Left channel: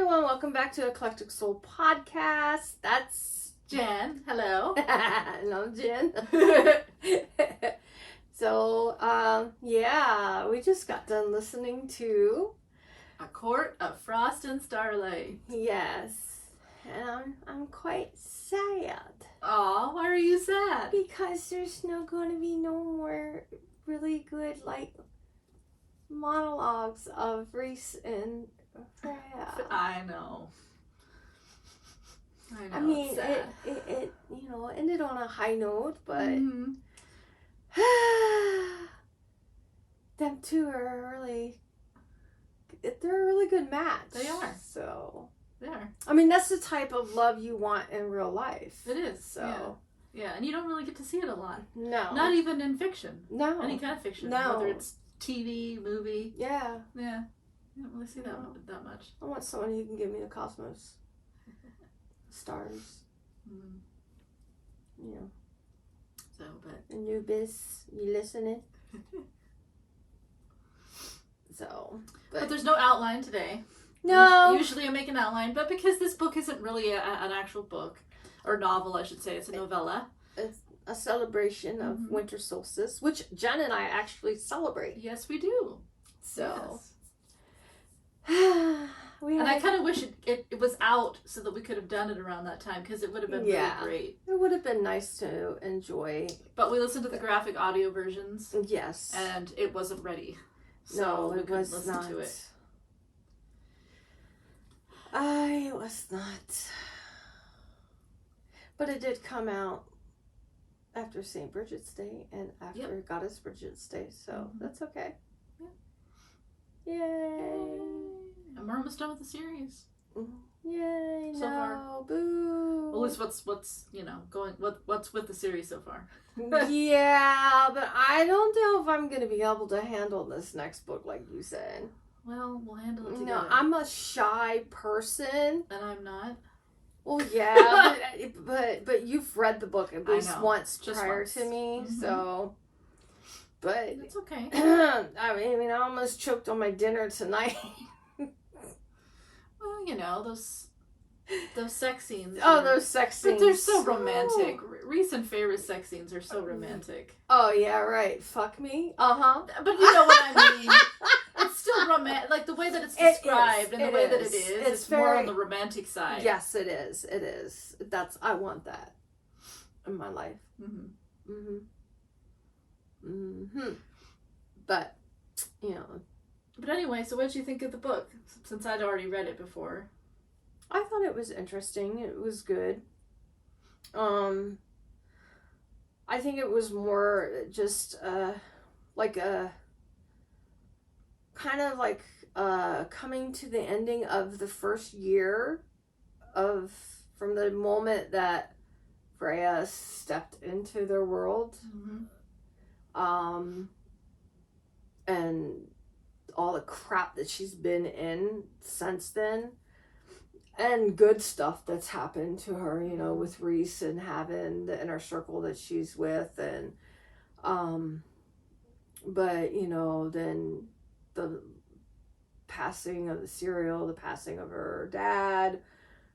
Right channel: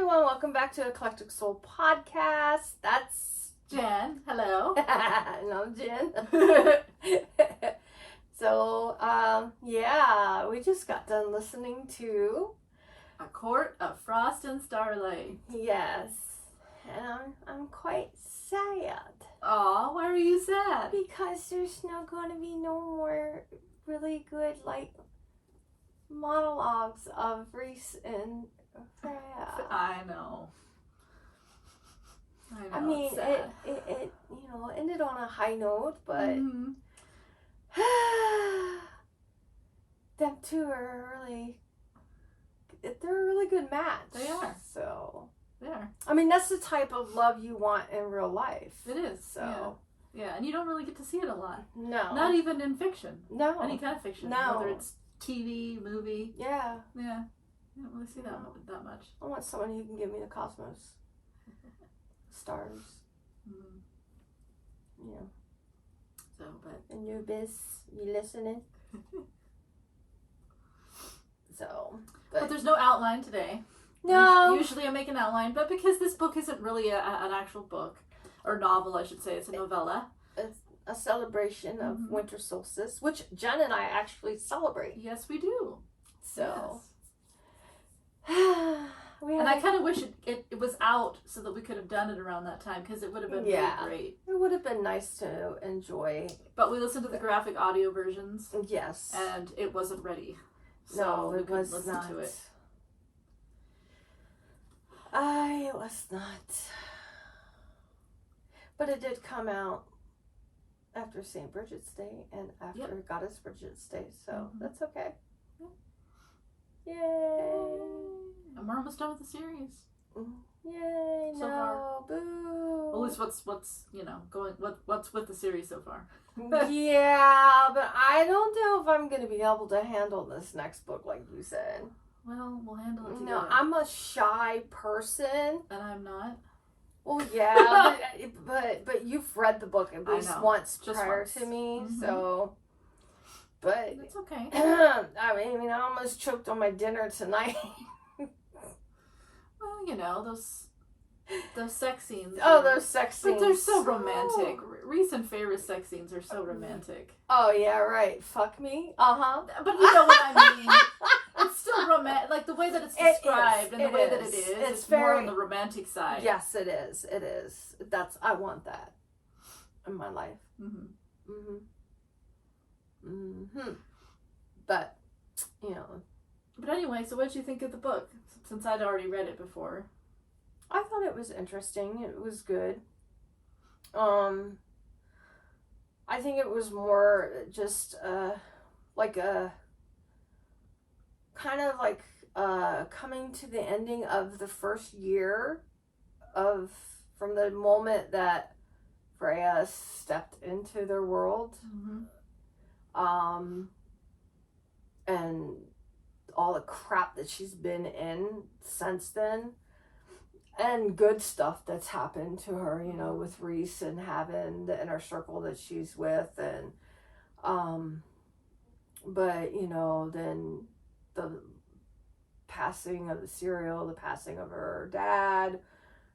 everyone, welcome back to Eclectic Soul Podcast. That's Jen. Hello. and I'm Jen. So, we just got done listening to A Court of Frost and Starlight. Yes, and I'm quite sad. Aw, why are you sad? Because there's going to be no more really good, monologues of Reese and Freya. I know. I mean, it's sad. it ended on a high note, but them two are they're a really good match. They are. So, They are. I mean, that's the type of love you want in real life. It is. So, yeah, and you don't really get to see it a lot. no. Not even in fiction. No. Any kind of fiction. No. Whether it's TV, movie. Yeah. Yeah. You don't really see that much. I want someone who can give me the cosmos. Stars. You know. So, but Anubis, you listening? So, but there's no outline today. No. Usually I make an outline, but because this book isn't really an actual book, or novel, I should say, it's a novella. It's a celebration of winter solstice, which Jen and I actually celebrate. Yes, we do. So, yes. And I kind of wish it was out so that we could have done it around that time, because it would have been really great. It would have been nice to enjoy. But we listened to the graphic audio versions. Yes. And it wasn't ready. So no, we it couldn't was listen not. to it. It was not. But it did come out after St. Bridget's Day and after Goddess Bridget's Day, so that's okay. Yeah. Yay! And we're almost done with the series. Yay! So no, far. Boo! Well, at least what's what's with the series so far. Yeah, but I don't know if I'm going to be able to handle this next book, like you said. Well, we'll handle it together. No, I'm a shy person. And I'm not. Well, yeah, but you've read the book at least once prior to me, so. But it's okay. I mean, I almost choked on my dinner tonight. Well, those sex scenes. Oh, those sex scenes. But they're so romantic. Recent favorite sex scenes are so romantic. Oh, yeah, right. Fuck me. Uh-huh. But you know what I mean. It's still romantic. Like, the way that it's described and the way that it is. It's very, more on the romantic side. Yes, it is. It is. I want that in my life. But, But anyway, so what did you think of the book? Since I'd already read it before. I thought it was interesting. It was good. I think it was more just coming to the ending of the first year from the moment that Freya stepped into their world. And all the crap that she's been in since then. And good stuff that's happened to her, with Reese and having the inner circle that she's with. And, but, then the passing of the serial, the passing of her dad,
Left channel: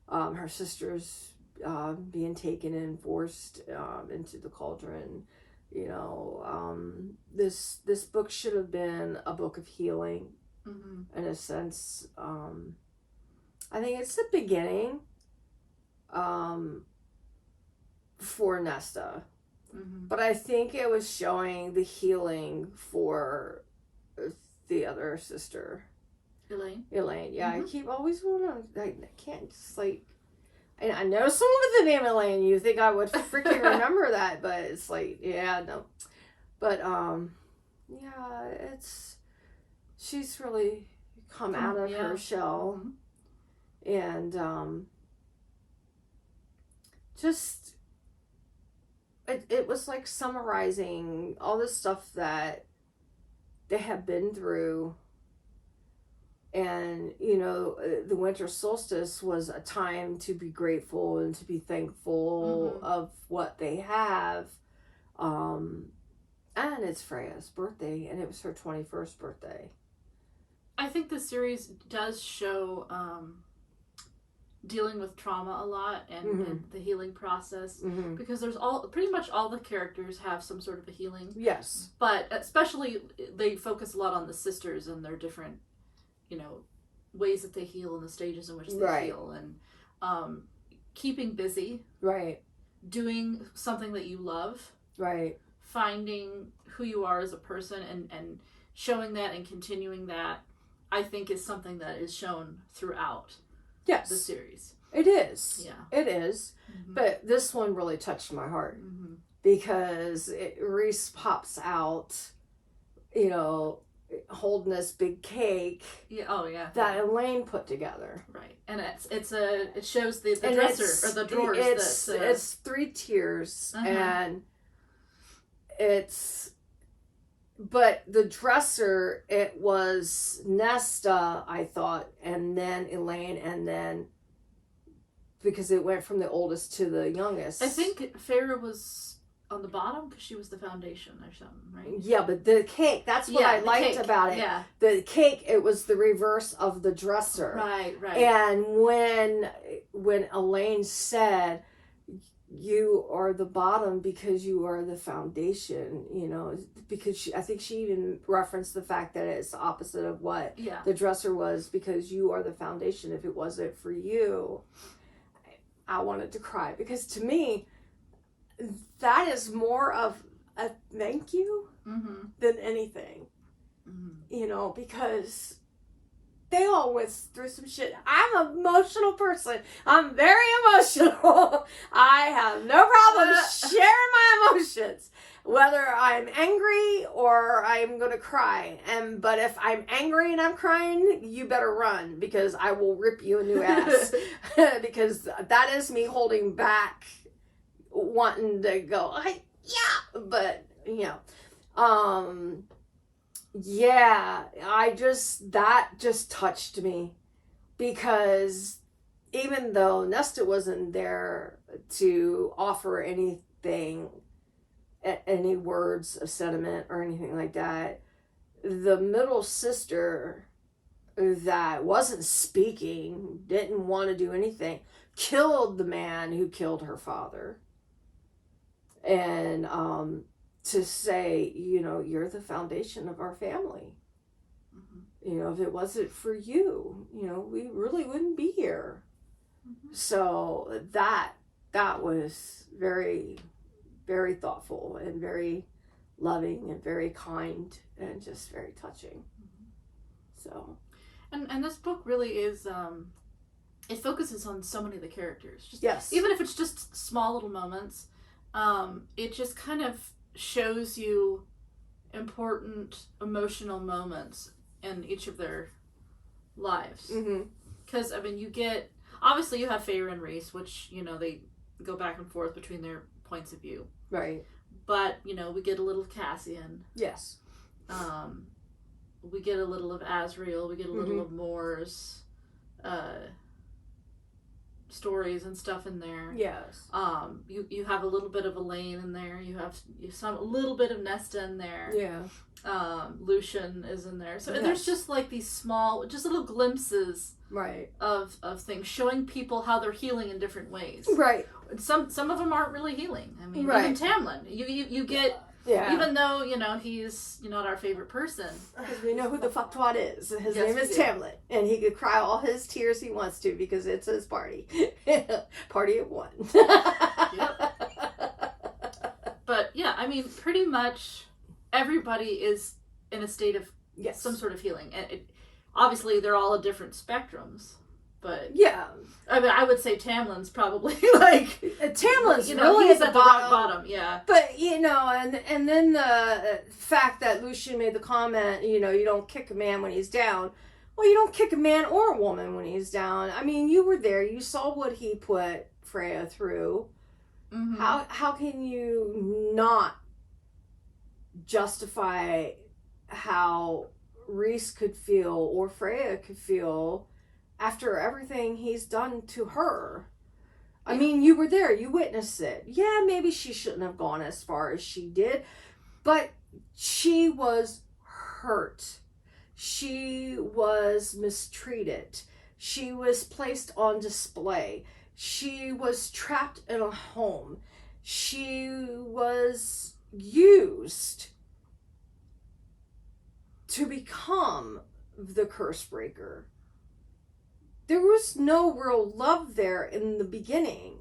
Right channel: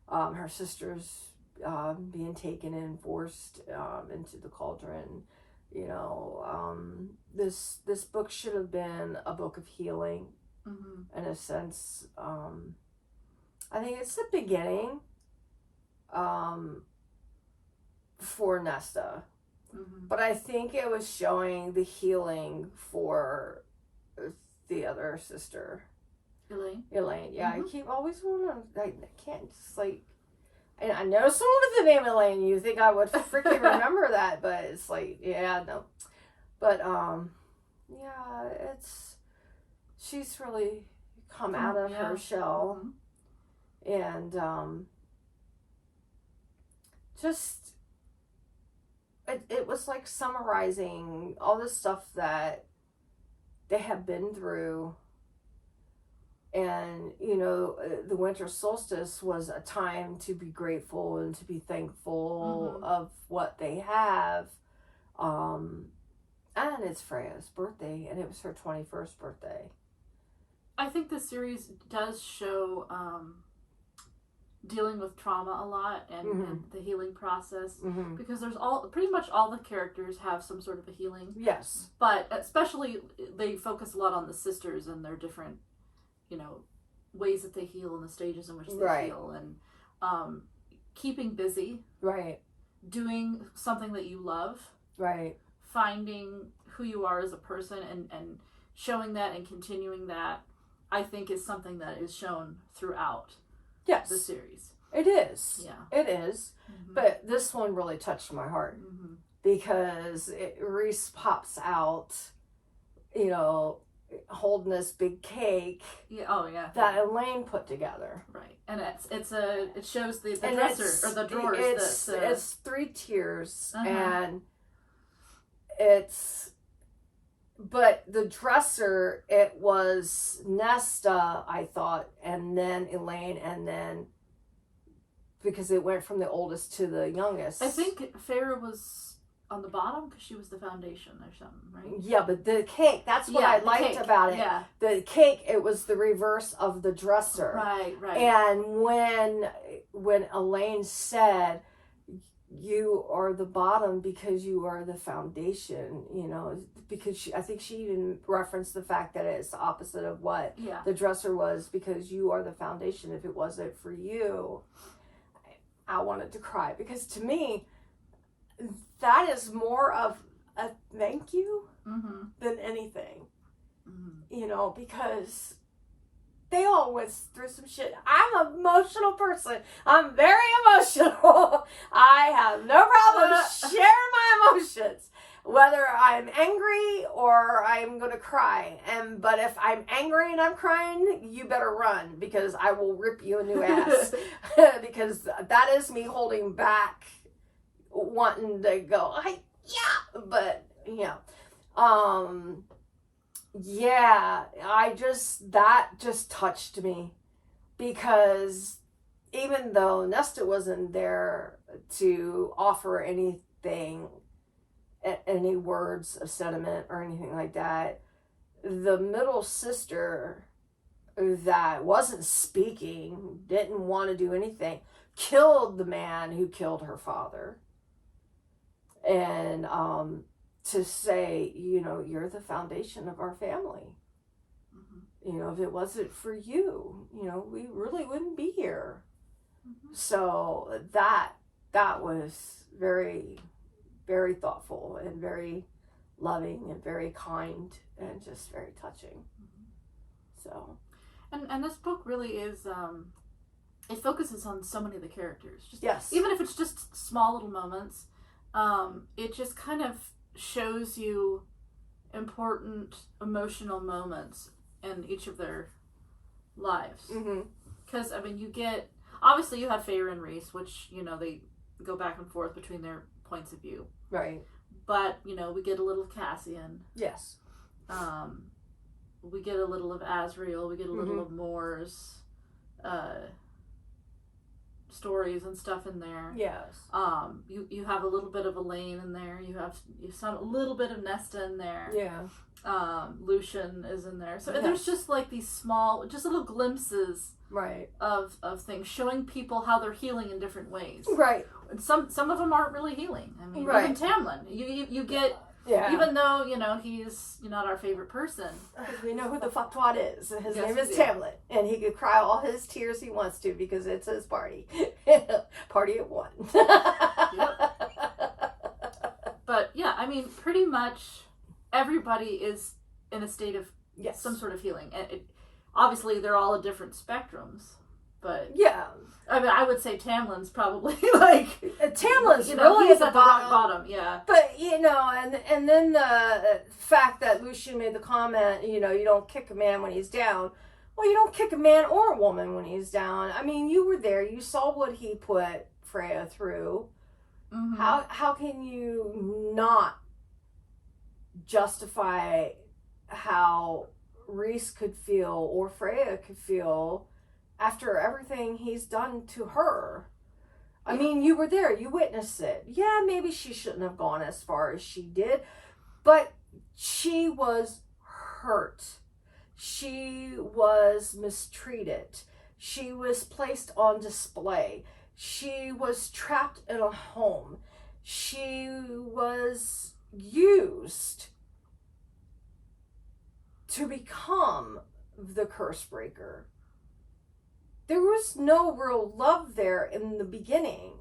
her sisters being taken and forced into the cauldron. This book should have been a book of healing, in a sense. I think it's the beginning for Nesta. But I think it was showing the healing for the other sister. Elaine, yeah. I always want to, I can't just and I know someone with the name Elaine, you think I would freaking remember that, but it's no. But, she's really come out of her shell. And just it was like summarizing all the stuff that they have been through. And the winter solstice was a time to be grateful and to be thankful of what they have. And it's Freya's birthday, and it was her 21st birthday. I think the series does show dealing with trauma a lot and the healing process, because there's pretty much all the characters have some sort of a healing. Yes. But especially they focus a lot on the sisters and their different, ways that they heal and the stages in which they heal, and keeping busy. Right. Doing something that you love. Right. Finding who you are as a person and showing that and continuing that, I think, is something that is shown throughout the series. It is. Yeah. It is. But this one really touched my heart because Reese pops out, holding this big cake. Yeah. Oh yeah. That Elaine put together. Right. And it shows the dresser or the drawers. It's 3 tiers and but the dresser, it was Nesta, I thought, and then Elaine, and then because it went from the oldest to the youngest. I think Farah was on the bottom because she was the foundation or something, right? Yeah, but the cake, that's what I liked about it. Yeah. The cake, it was the reverse of the dresser. Right. And when Elaine said, you are the bottom because you are the foundation, because I think she even referenced the fact that it's the opposite of what the dresser was, because you are the foundation. If it wasn't for you, I wanted to cry, because to me, that is more of a thank you than anything, because they all went through some shit. I'm an emotional person. I'm very emotional. I have no problem sharing my emotions, whether I'm angry or I'm going to cry. But if I'm angry and I'm crying, you better run, because I will rip you a new ass. Because that is me holding back, wanting to go, but, that just touched me, because even though Nesta wasn't there to offer anything, any words of sentiment or anything like that, the middle sister that wasn't speaking, didn't want to do anything, killed the man who killed her father. And, to say, you're the foundation of our family. If it wasn't for you, we really wouldn't be here. So that was very, very thoughtful and very loving and very kind and just very touching. So, and this book really is, it focuses on so many of the characters. Yes. Even if it's just small little moments, it just kind of shows you important emotional moments in each of their lives. Because obviously you have Feyre and Reese, which they go back and forth between their points of view, right? But we get a little of Cassian. Yes. We get a little of Asriel. We get a little of Moore's stories and stuff in there. Yes. You have a little bit of Elaine in there. You have a little bit of Nesta in there. Yeah. Lucian is in there. So there's just like these small, just little glimpses, right, of things showing people how they're healing in different ways. Right. Some of them aren't really healing. I mean, right. Even Tamlin, you get. Yeah. Even though, he's not our favorite person. Because we know who the fucktwad is. His name is Tamlin. And he could cry all his tears he wants to, because it's his party. Party of one. Yep. But, yeah, pretty much everybody is in a state of some sort of healing. And obviously, they're all at different spectrums. But yeah, I would say Tamlin's probably like Tamlin's really he's at the rock bottom. Yeah, but and then the fact that Lucian made the comment, you don't kick a man when he's down. Well, you don't kick a man or a woman when he's down. You were there. You saw what he put Freya through. How can you not justify how Reese could feel or Freya could feel after everything he's done to her? You were there. You witnessed it. Yeah, maybe she shouldn't have gone as far as she did, but she was hurt. She was mistreated. She was placed on display. She was trapped in a home. She was used to become the curse breaker. There was no real love there in the beginning.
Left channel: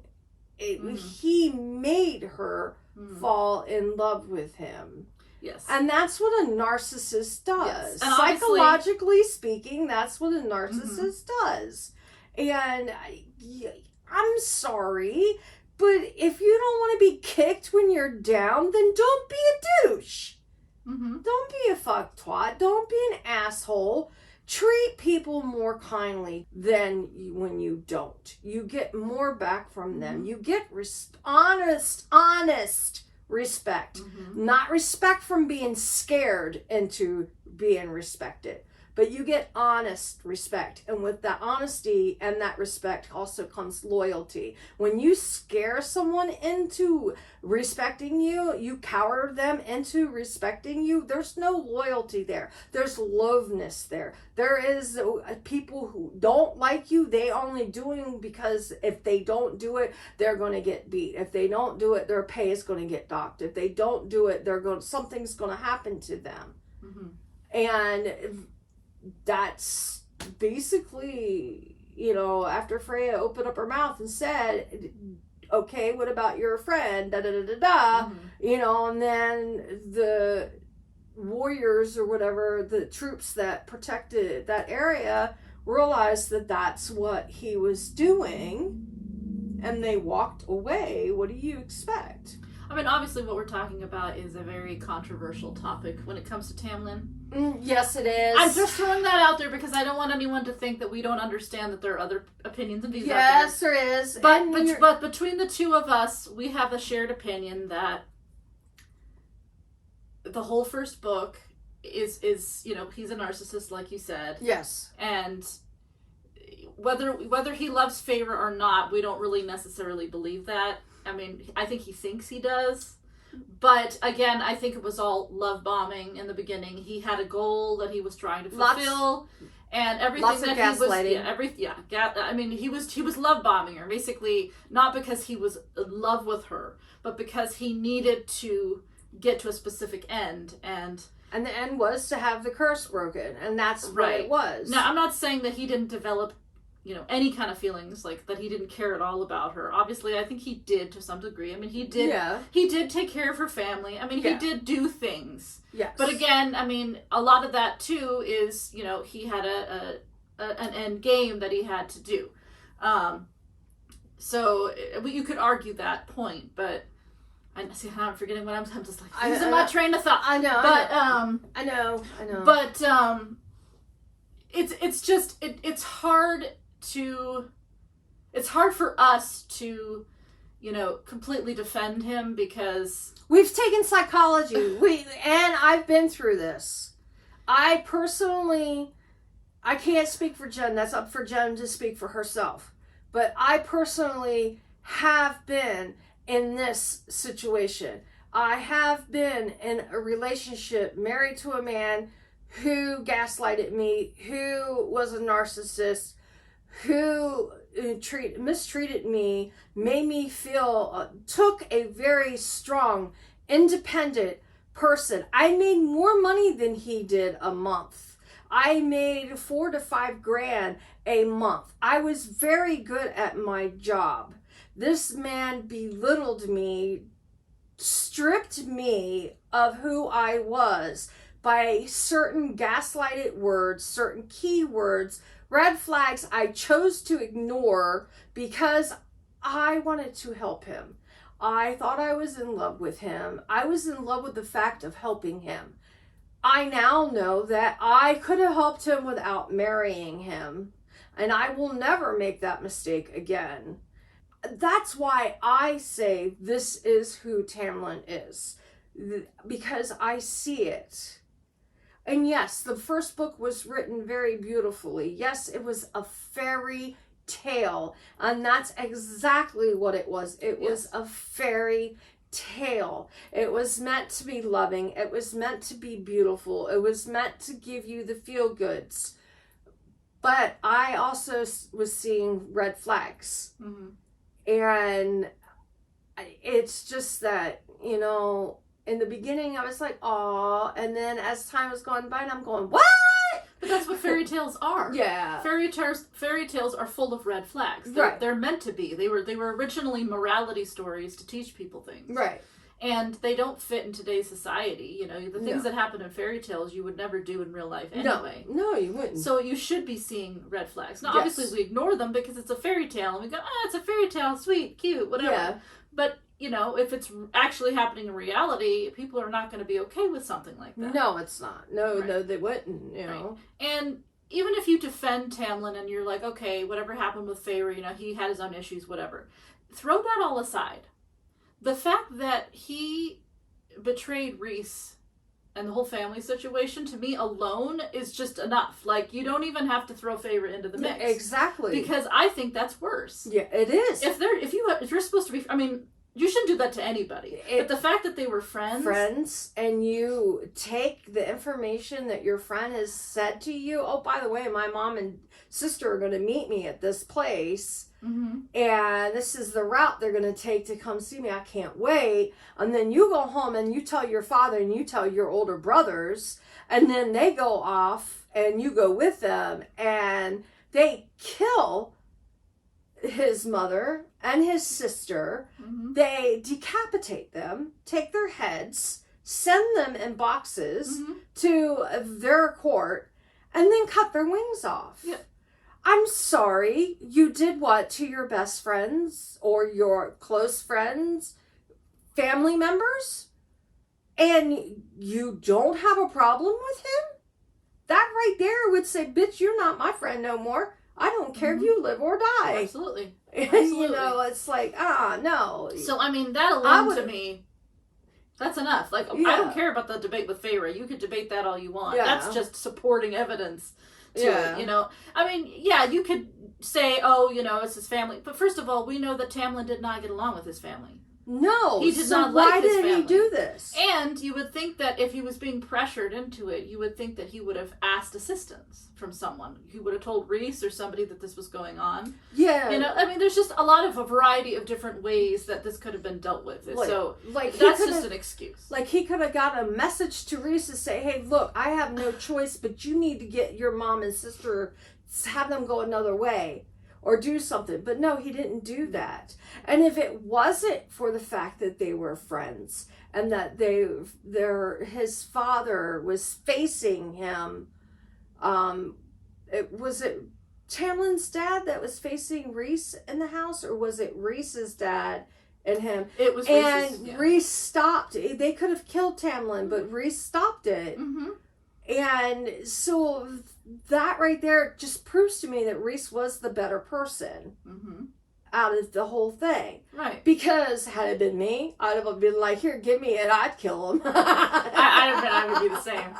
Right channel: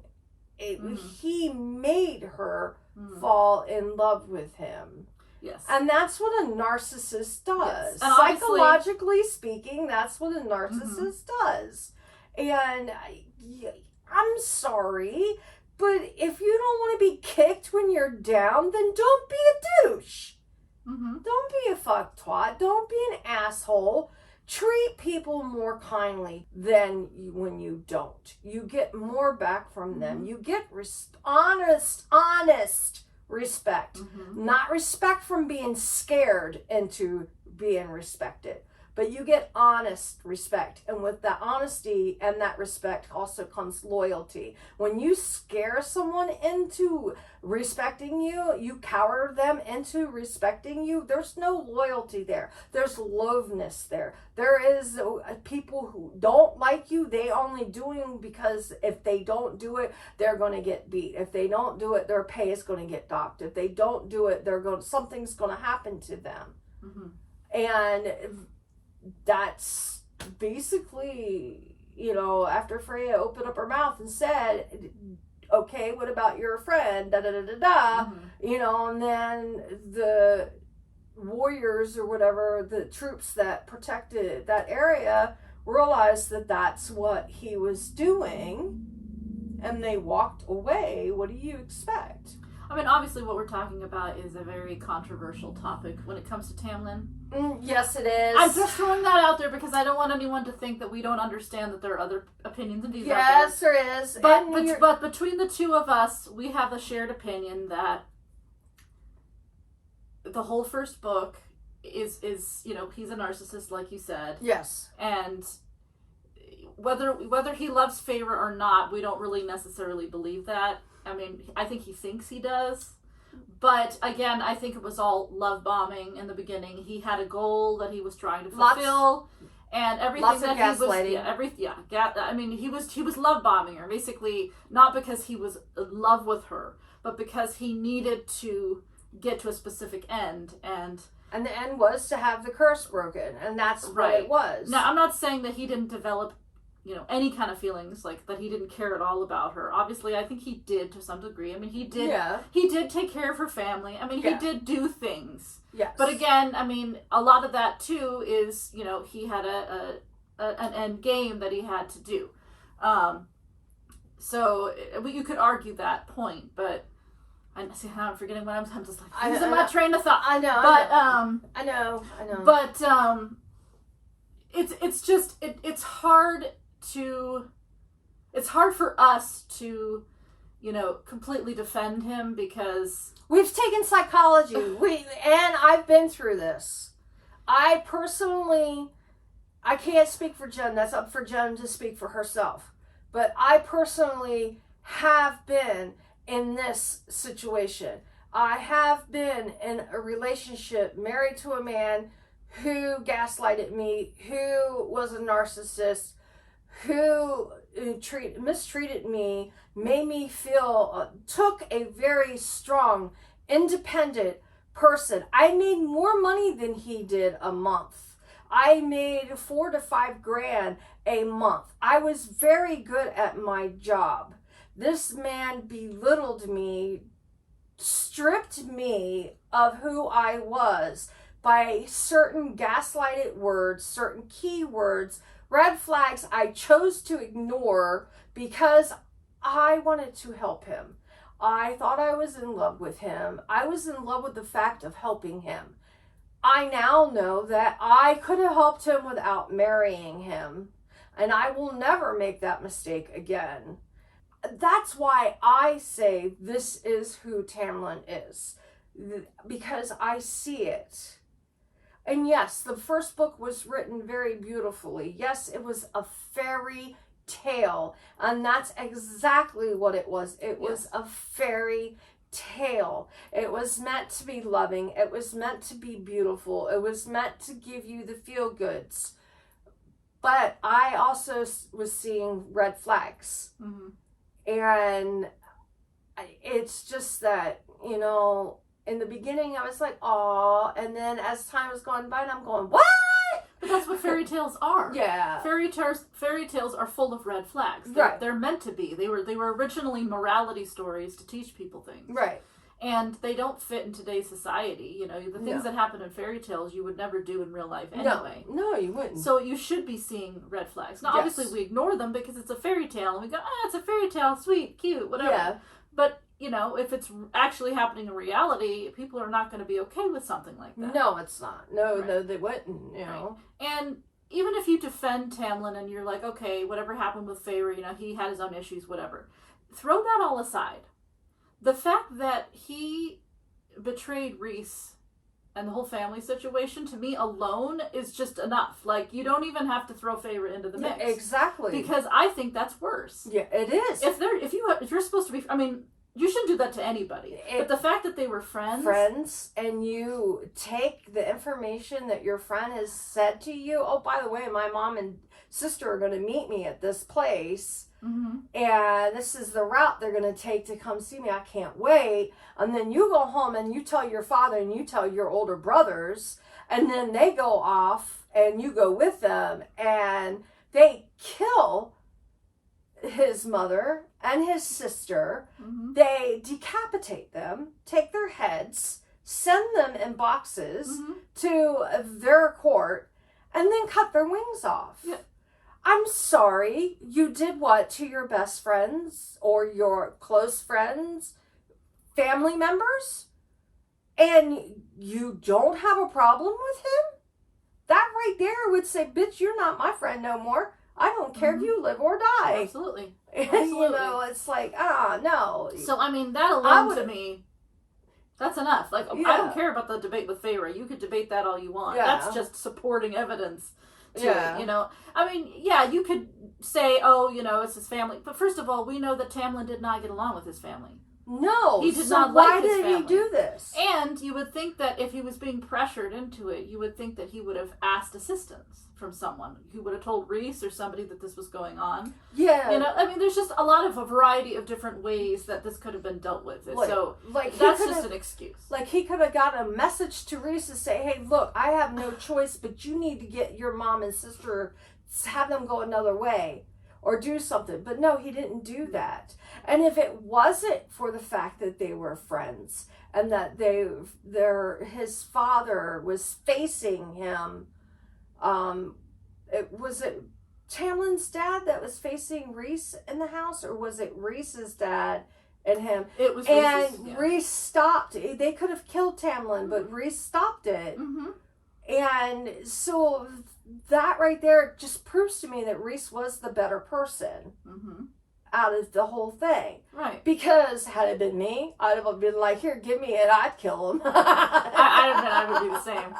He made her fall in love with him. Yes. And that's what a narcissist does. Yes. And psychologically speaking, that's what a narcissist does. And I'm sorry, but if you don't want to be kicked when you're down, then don't be a douche. Don't be a fuck twat. Don't be an asshole. Treat people more kindly than when you don't. You get more back from them. You get honest respect. Not respect from being scared into being respected. But you get honest respect. And with that honesty and that respect also comes loyalty. When you scare someone into respecting you, you cower them into respecting you, there's no loyalty there. There's loveness there. There is people who don't like you, they only doing because if they don't do it, they're going to get beat. If they don't do it, their pay is going to get docked. If they don't do it, something's going to happen to them. And that's basically, after Freya opened up her mouth and said, okay, what about your friend, da da da da da, and then the warriors or whatever, the troops that protected that area realized that that's what he was doing, and they walked away. What do you expect? I mean, obviously what we're talking about is a very controversial topic when it comes to Tamlin. Yes, it is. I'm just throwing that out there because I don't want anyone to think that we don't understand that there are other opinions and views out there. Yes, there is. But between the two of us, we have a shared opinion that the whole first book is he's a narcissist, like you said. Yes. And whether he loves Feyre or not, we don't really necessarily believe that. I mean, I think he thinks he does. But again, I think it was all love bombing in the beginning. He had a goal that he was trying to fulfill, and everything lots that of he gaslighting. was, I mean, he was love bombing her basically, not because he was in love with her, but because he needed to get to a specific end, and the end was to have the curse broken, and that's what it was. Now, I'm not saying that he didn't develop any kind of feelings, like that he didn't care at all about her. Obviously, I think he did to some degree. I mean, he did take care of her family. I mean, he did do things. Yes. But again, I mean, a lot of that too is, he had an end game that he had to do. So you could argue that point, but I'm forgetting what I'm just like losing my train of thought. I know. But I know. But it's hard for us to completely defend him because we've taken psychology. And I've been through this. I can't speak for Jen. That's up for Jen to speak for herself. But I personally have been in this situation. I have been in a relationship, married to a man who gaslighted me, who was a narcissist, who mistreated me, made me feel, took a very strong, independent person. I made more money than he did a month. I made $4,000 to $5,000 a month. I was very good at my job. This man belittled me, stripped me of who I was by certain gaslighted words, certain keywords, red flags I chose to ignore because I wanted to help him. I thought I was in love with him. I was in love with the fact of helping him. I now know that I could have helped him without marrying him, and I will never make that mistake again. That's why I say this is who Tamlin is, because I see it. And yes, the first book was written very beautifully. Yes, it was a fairy tale, and that's exactly what it was. It was a fairy tale. It was meant to be loving. It was meant to be beautiful. It was meant to give you the feel goods. But I also was seeing red flags. Mm-hmm. And it's just that, you know, in the beginning I was like, oh, and then as time was going by, and I'm going, what? But that's what fairy tales are. Yeah. Fairy tales are full of red flags. They're meant to be. They were originally morality stories to teach people things. Right. And they don't fit in today's society. You know, the things that happen in fairy tales you would never do in real life anyway. No, you wouldn't. So you should be seeing red flags. Now, obviously, we ignore them because it's a fairy tale, and we go, it's a fairy tale, sweet, cute, whatever. Yeah. But, you know, if it's actually happening in reality, people are not going to be okay with something like that. No, it's not. No, they wouldn't, you know. And even if you defend Tamlin and you're like, okay, whatever happened with Feyre, you know, he had his own issues, whatever. Throw that all aside. The fact that he betrayed Rhys and the whole family situation, to me alone, is just enough. Like, you don't even have to throw Feyre into the mix. Yeah, exactly. Because I think that's worse. Yeah, it is. If you're supposed to be, I mean, you shouldn't do that to anybody. But the fact that they were friends, and you take the information that your friend has said to you, oh, by the way, my mom and sister are going to meet me at this place. Mm-hmm. And this is the route they're going to take to come see me. I can't wait. And then you go home and you tell your father and you tell your older brothers. And then they go off and you go with them. And they kill his mother and his sister. Mm-hmm. They decapitate them, take their heads, send them in boxes to their court, and then cut their wings off. Yeah. I'm sorry, you did what to your best friends or your close friends, family members, and you don't have a problem with him? That right there would say, bitch, you're not my friend no more. I don't care if you live or die. Absolutely. You know, it's like, no. So, I mean, that alone to me, that's enough. Like, I don't care about the debate with Feyre. You could debate that all you want. Yeah. That's just supporting evidence to it, you know. I mean, yeah, you could say, oh, you know, it's his family. But first of all, we know that Tamlin did not get along with his family. No. He did not like his family. Why did he do this? And you would think that if he was being pressured into it, you would think that he would have asked assistance from someone. He would have told Rhys or somebody that this was going on. Yeah. You know, I mean, there's just a variety of different ways that this could have been dealt with. So that's just an excuse. Like, he could have got a message to Rhys to say, hey, look, I have no choice, but you need to get your mom and sister, have them go another way. Or do something. But no, he didn't do that. And if it wasn't for the fact that they were friends and that his father was facing him, was it Tamlin's dad that was facing Rhys in the house, or was it Rhys's dad and him? It was Rhys's, and Rhys stopped. They could have killed Tamlin, but Rhys stopped it. Mm-hmm. And so that right there just proves to me that Rhys was the better person out of the whole thing. Right. Because had it been me, I'd have been like, here, give me it, I'd kill him. I don't think I would be the same.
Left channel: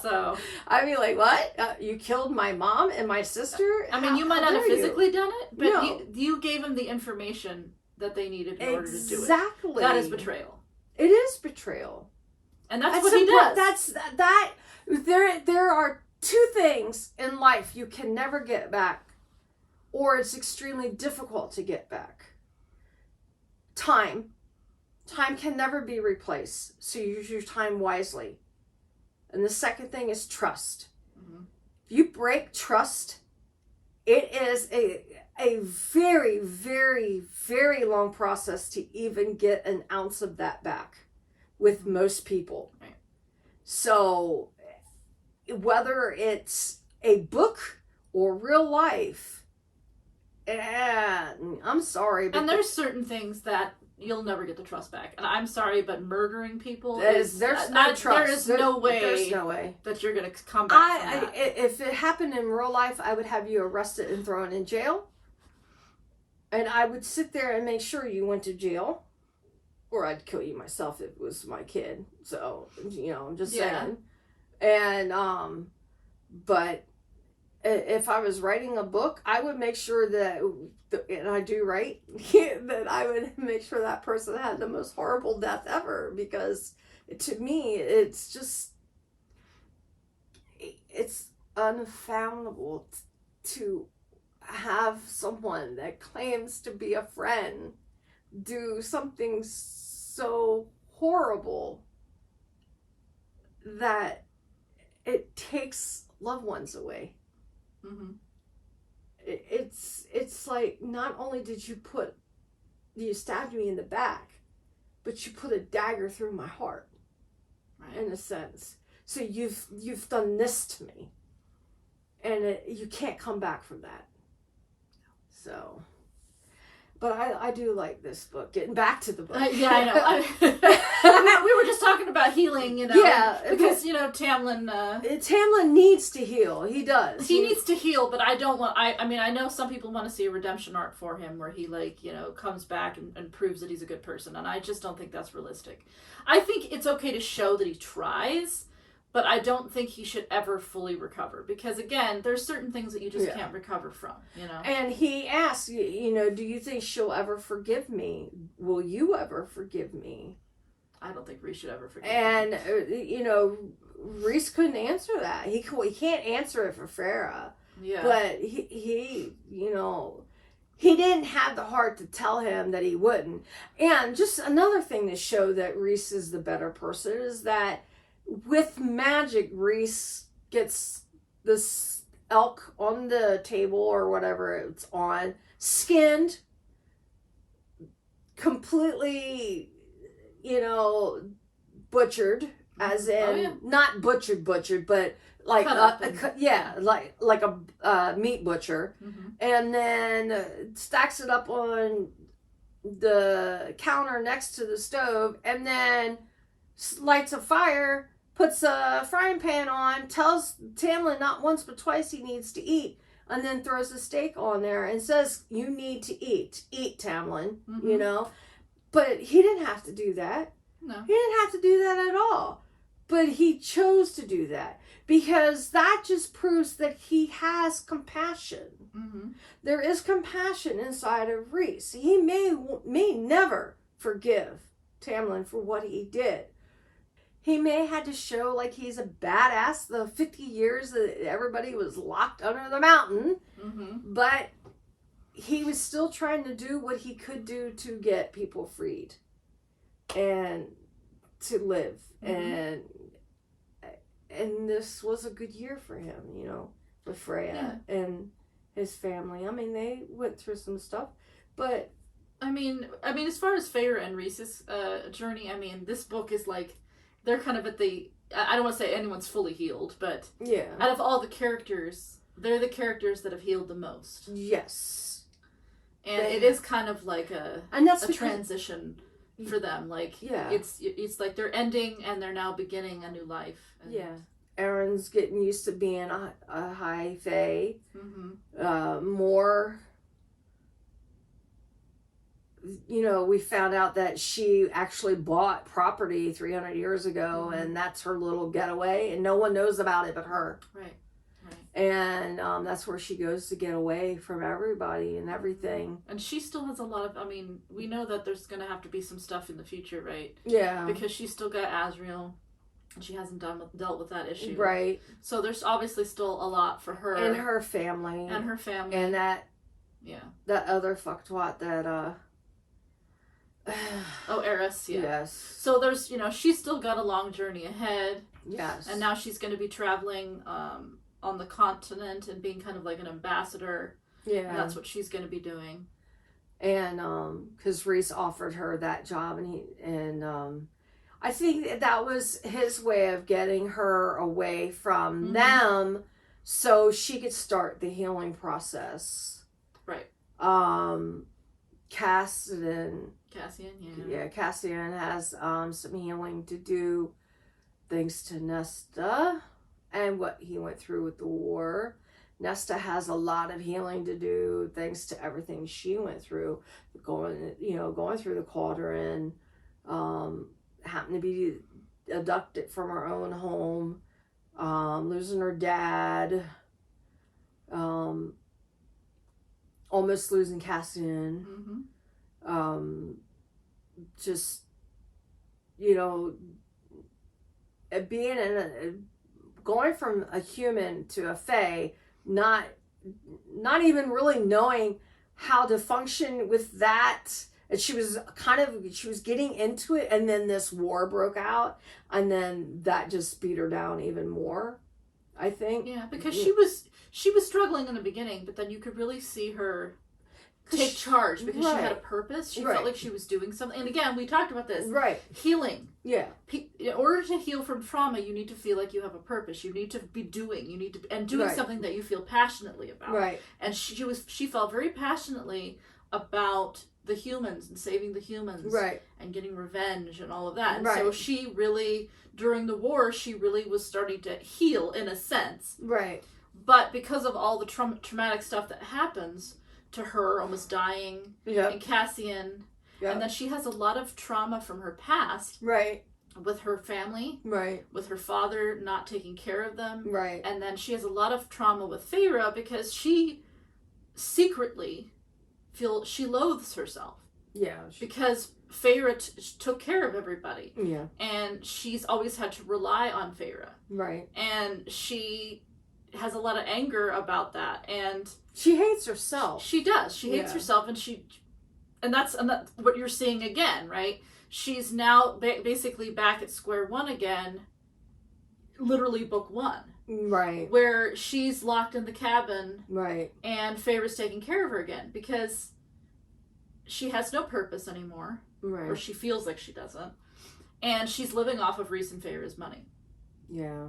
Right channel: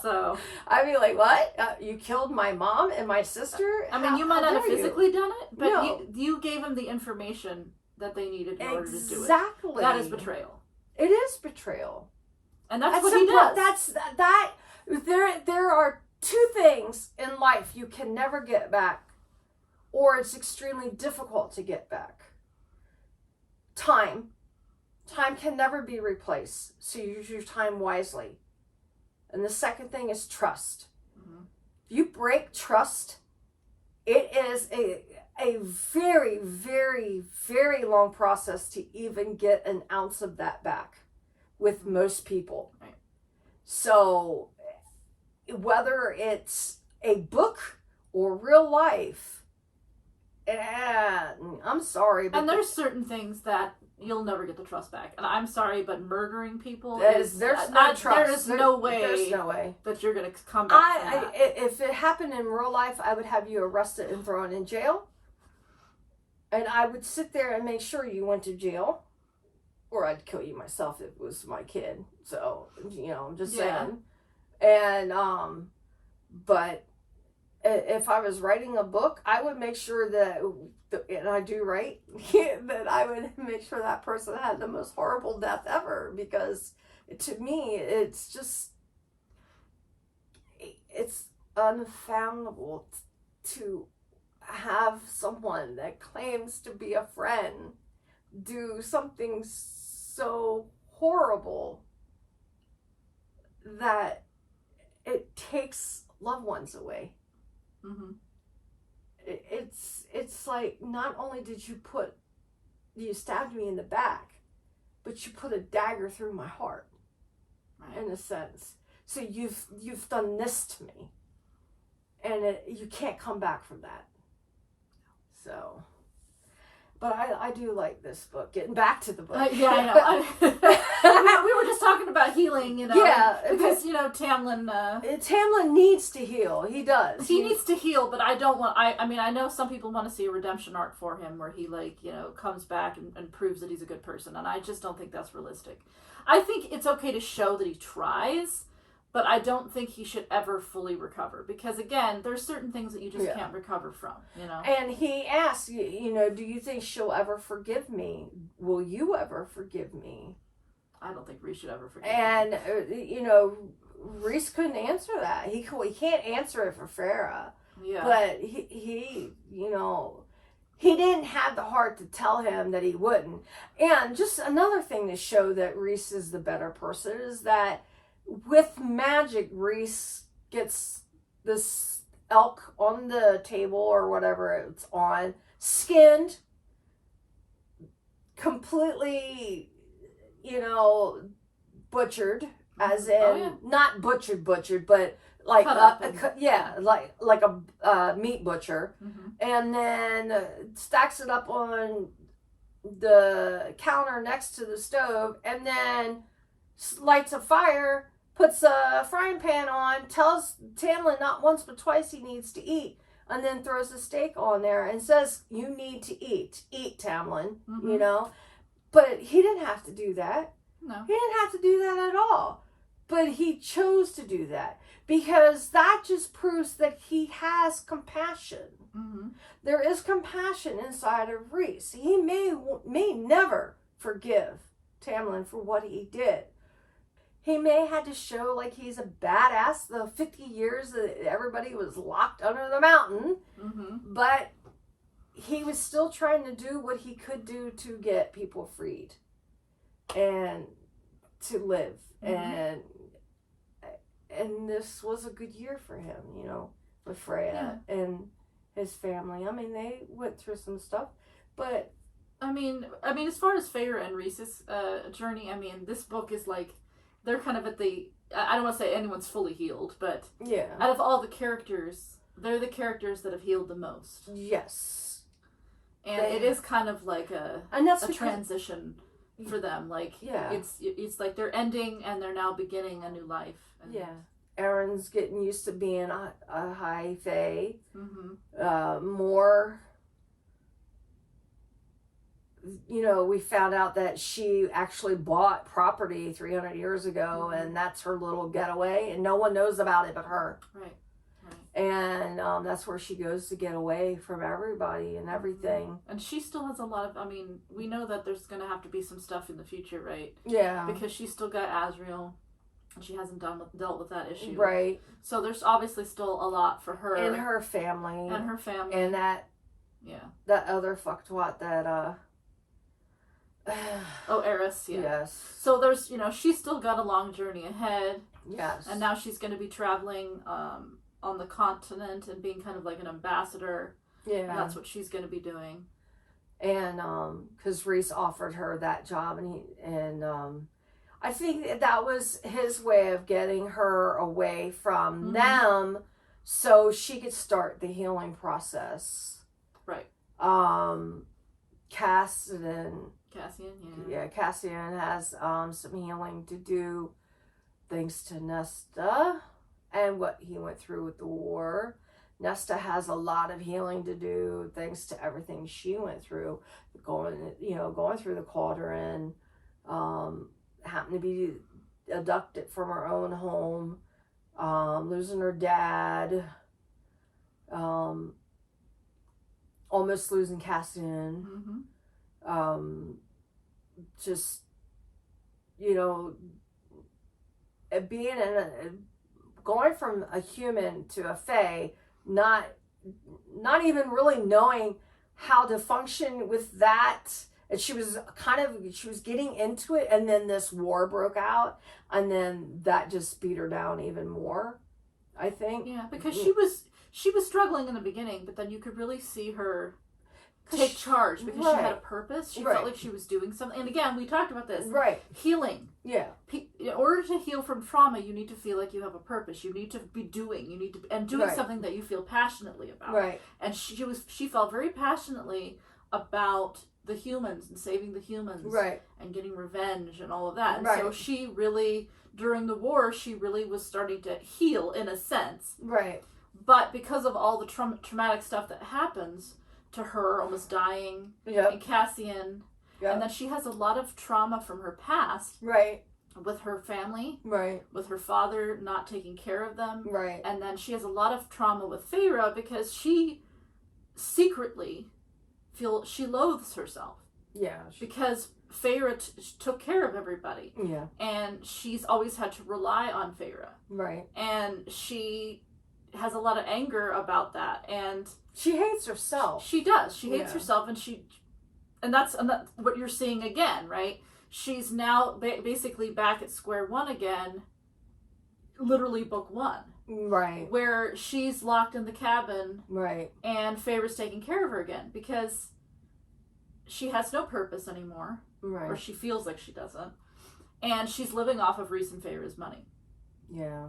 So I'd be like, what? You killed my mom and my sister? I mean, you might not have physically done it, but you gave them the information that they needed in order to do it. Exactly. That is betrayal. It is betrayal. And that's what he does. There are two things in life you can never get back, or it's extremely difficult to get back. Time. Time can never be replaced, so use your time wisely. And the second thing is trust. Mm-hmm. If you break trust, it is a very, very, very long process to even get an ounce of that back. With most people. Right. So whether it's a book or real life, I'm sorry. But there's certain things that you'll never get the trust back. And I'm sorry, but murdering people there's no trust. There is no way that you're going to come back from that. If it happened in real life, I would have you arrested and thrown in jail. And I would sit there and make sure you went to jail. Or I'd kill you myself if it was my kid. So, you know, I'm just saying. And, but if I was writing a book, I would make sure that, and I do write, that I would make sure that person had the most horrible death ever. Because to me, it's just, unfathomable to have someone that claims to be a friend do something so horrible that it takes loved ones away. Mm-hmm. It's like, not only did you stabbed me in the back, but you put a dagger through my heart, right, in a sense. So you've done this to me, and you can't come back from that. So, but I do like this book. Getting back to the book. Yeah, I know. We were just talking about healing, Yeah. Because, Tamlin... Tamlin needs to heal. He does. He needs to heal, but I don't want... I mean, I know some people want to see a redemption arc for him where he, comes back and proves that he's a good person, and I just don't think that's realistic. I think it's okay to show that he tries, but I don't think he should ever fully recover. Because, again, there's certain things that you just can't recover from, And he asks, do you think she'll ever forgive me? Will you ever forgive me? I don't think Rhys should ever forgive me. And, Rhys couldn't answer that. He can't answer it for Farah. Yeah. But he didn't have the heart to tell him that he wouldn't. And just another thing to show that Rhys is the better person is that with magic, Rhys gets this elk on the table or whatever it's on, skinned, completely, butchered, as in not butchered, but like like a meat butcher, mm-hmm, and then stacks it up on the counter next to the stove, and then lights a fire, puts a frying pan on, tells Tamlin not once but twice he needs to eat, and then throws a steak on there and says, you need to eat, Tamlin, mm-hmm, But he didn't have to do that. No. He didn't have to do that at all. But he chose to do that because that just proves that he has compassion. Mm-hmm. There is compassion inside of Rhys. He may never forgive Tamlin for what he did. He may have had to show like he's a badass the 50 years that everybody was locked under the mountain. Mm-hmm. But he was still trying to do what he could do to get people freed and to live. Mm-hmm. And this was a good year for him, with Freya and his family. I mean, they went through some stuff, but I mean, as far as Feyre and Rhys's journey, I mean, this book is like, they're kind of at the, I don't want to say anyone's fully healed, but out of all the characters, they're the characters that have healed the most. Yes. And it is kind of like a transition for them. Like, it's like they're ending and they're now beginning a new life. And Erin's getting used to being a high fae. Mm-hmm. More, we found out that she actually bought property 300 years ago, mm-hmm, and that's her little getaway, and no one knows about it but her. Right. And that's where she goes to get away from everybody and everything. And she still has a lot of, we know that there's going to have to be some stuff in the future, right? Yeah. Because she's still got Asriel, and she hasn't dealt with that issue. Right. So there's obviously still a lot for her. And her family. And that other fucktwat that, Eris, Yes. So there's, she's still got a long journey ahead. Yes. And now she's going to be traveling, on the continent and being kind of like an ambassador. Yeah. And that's what she's going to be doing. And because Rhys offered her that job, and I think that was his way of getting her away from, mm-hmm, them so she could start the healing process. Right. Cassian has some healing to do thanks to Nesta and what he went through with the war. Nesta has a lot of healing to do thanks to everything she went through, going through the cauldron, happened to be abducted from her own home, losing her dad, almost losing Cassian, mm-hmm, just, being in going from a human to a fae, not even really knowing how to function with that. And she was getting into it, and then this war broke out, and then that just beat her down even more, I think. Yeah, because she was struggling in the beginning, but then you could really see her take charge because she had a purpose. She felt like she was doing something. And again, we talked about this. Right. Healing. Yeah. In order to heal from trauma, you need to feel like you have a purpose. You need to be doing. You need to doing something that you feel passionately about. Right. And she felt very passionately about the humans and saving the humans. Right. And getting revenge and all of that. And so she really, during the war, she really was starting to heal in a sense. Right. But because of all the traumatic stuff that happens to her, almost dying, and Cassian, and then she has a lot of trauma from her past, with her family, with her father not taking care of them, and then she has a lot of trauma with Feyre because she secretly feels she loathes herself, because Feyre took care of everybody, and she's always had to rely on Feyre, and she has a lot of anger about that, and she hates herself. She does. She hates herself, and that's what you're seeing again, right? She's now basically back at square one again, literally book one, where she's locked in the cabin, and Feyre's taking care of her again because she has no purpose anymore, or she feels like she doesn't, and she's living off of Rhys and Feyre's money. Yeah.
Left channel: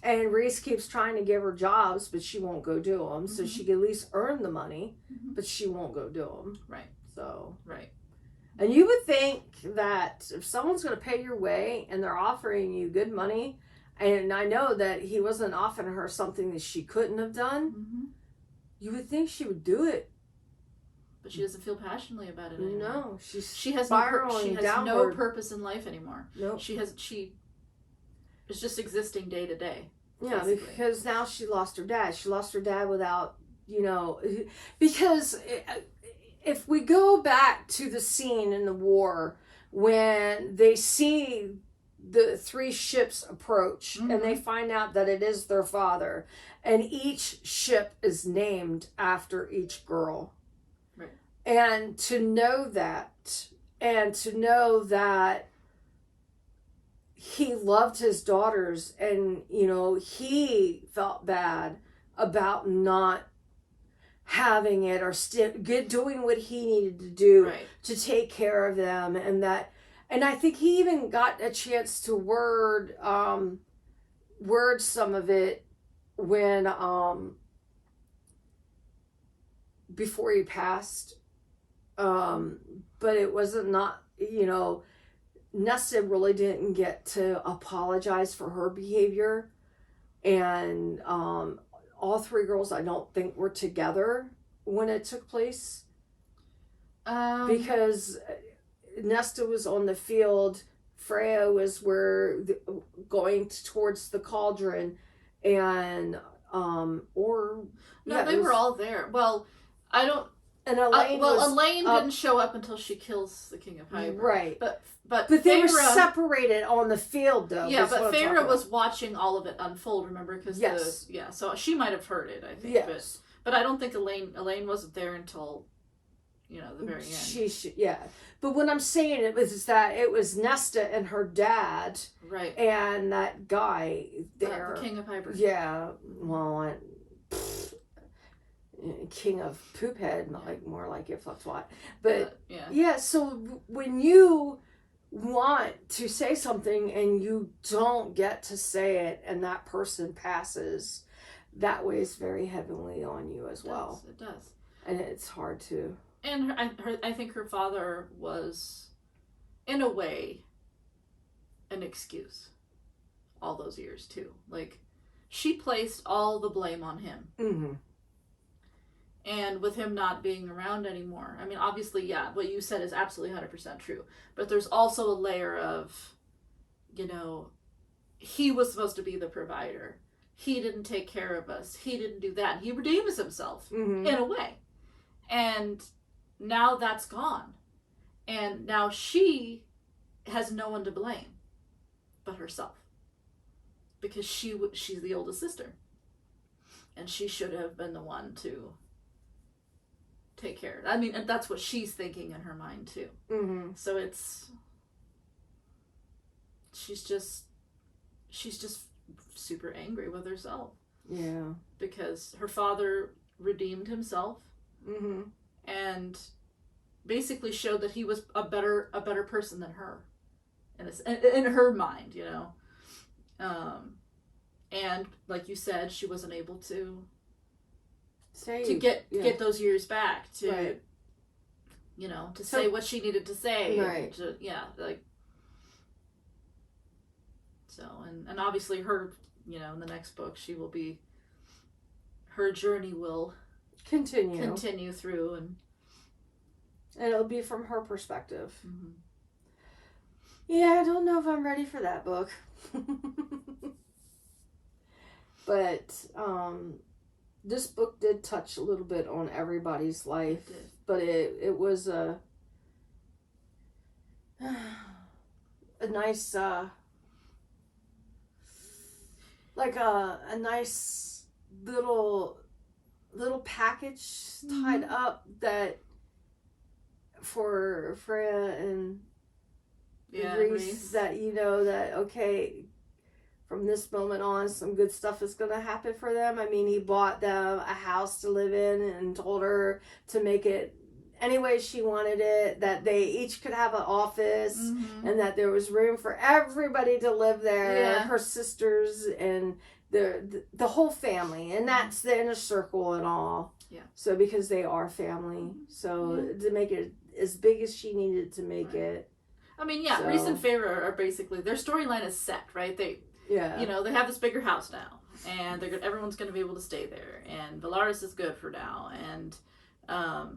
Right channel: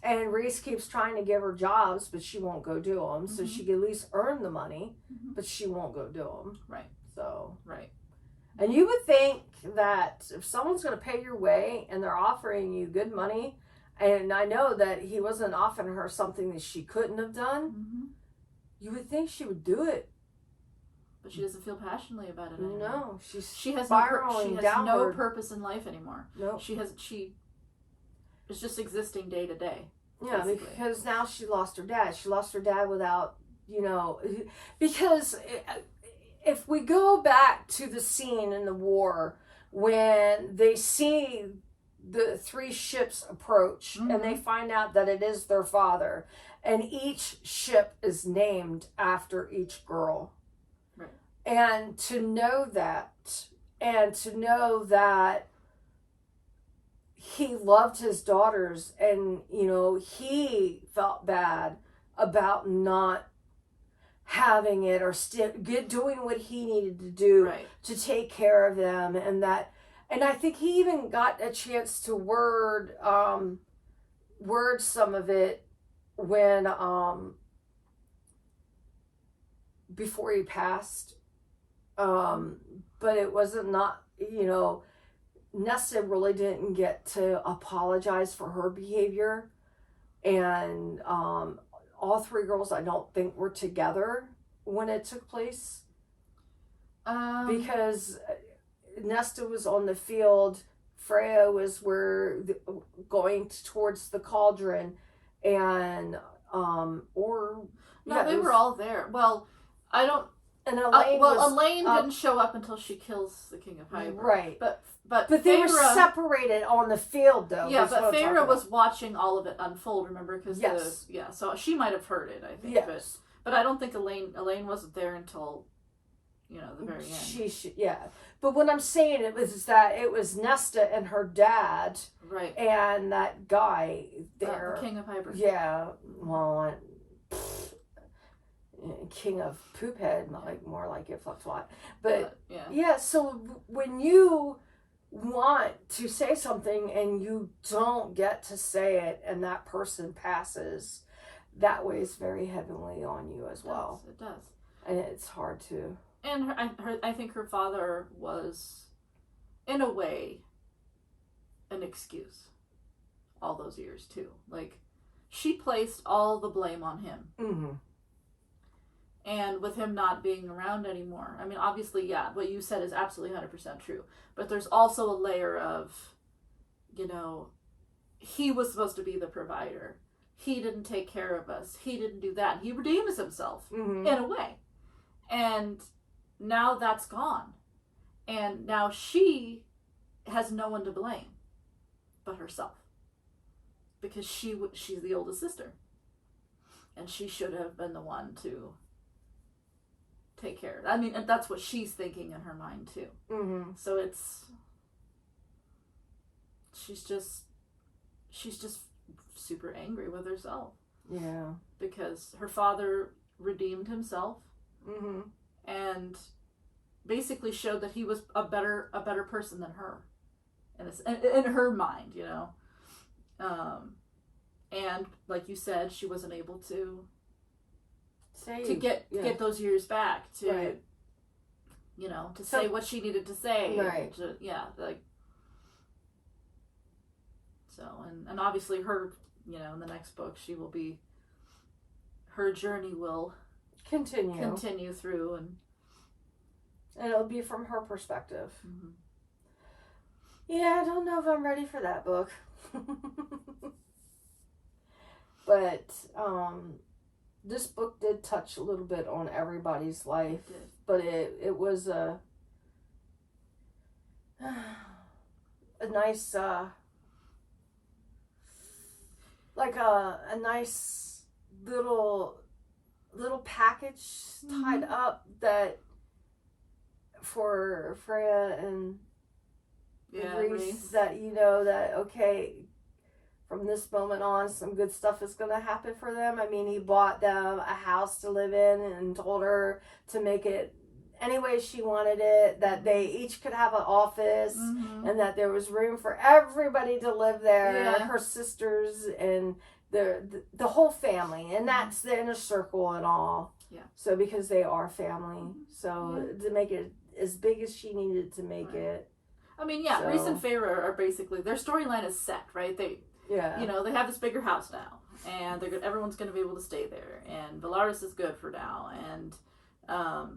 And Rhys keeps trying to give her jobs, but she won't go do them. So she can at least earn the money, but she won't go do them. So. And you would think that if someone's going to pay your way and they're offering you good money, and I know that he wasn't offering her something that she couldn't have done, you would think she would do it. But she doesn't feel passionately about it anymore. No, she has no purpose in life anymore. No. She is just existing day to day. Yeah, basically. Because now she lost her dad. She lost her dad without, because if we go back to the scene in the war when they see the 3 ships approach and they find out that it is their father, and each ship is named after each girl. Right. And to know that, he loved his daughters, and he felt bad about not having it or doing what he needed to do to take care of them, and I think he even got a chance to word some of it when before he passed, but it wasn't Nesta really didn't get to apologize for her behavior, and all 3 girls I don't think were together when it took place, because Nesta was on the field, Freya was going towards the cauldron, and they were all there. Well, I don't. And Elaine Elaine didn't show up until she kills the King of Hybern. Right. But they were separated on the field, though. Yeah, but Feyre was watching all of it unfold, remember? Because so she might have heard it, I think. Yes. But I don't think Elaine wasn't there until, the very end. But what I'm saying is that it was Nesta and her dad. Right. And that guy there. The King of Hybern. Yeah. Well, King of Poophead, more like it, fucks what. But so when you want to say something and you don't get to say it, and that person passes, that weighs very heavily on you as well. It does. And it's hard to. And I think her father was, in a way, an excuse all those years too. Like, she placed all the blame on him. Mm-hmm. And with him not being around anymore, I mean, obviously, what you said is absolutely 100% true. But there's also a layer of, he was supposed to be the provider. He didn't take care of us. He didn't do that. And he redeems himself, in a way. And now that's gone. And now she has no one to blame but herself. because she's the oldest sister, and she should have been the one to take care of it. I mean, and that's what she's thinking in her mind too. Mm-hmm. So she's just super angry with herself. Yeah. Because her father redeemed himself, mm-hmm. and basically showed that he was a better person than her, in her mind, you know. And like you said, she wasn't able to get those years back to, right. you know, to say what she needed to say, right? And obviously her, you know, in the next book her journey will continue through, and it'll be from her perspective. Mm-hmm. Yeah, I don't know if I'm ready for that book. But this book did touch a little bit on everybody's life, but it was a nice a nice little package tied mm-hmm. up that for Freya and Reese, that, you know, that okay, from this moment on some good stuff is going to happen for them. I mean, he bought them a house to live in and told her to make it any way she wanted it, that they each could have an office, mm-hmm. and that there was room for everybody to live there, her sisters and the whole family, and that's the inner circle and all. Yeah. So because they are family, so to make it as big as she needed to make it. I mean, yeah, Reese and Feyre are basically, their storyline is set, right? You know, they have this bigger house now, and everyone's going to be able to stay there, and Valaris is good for now, and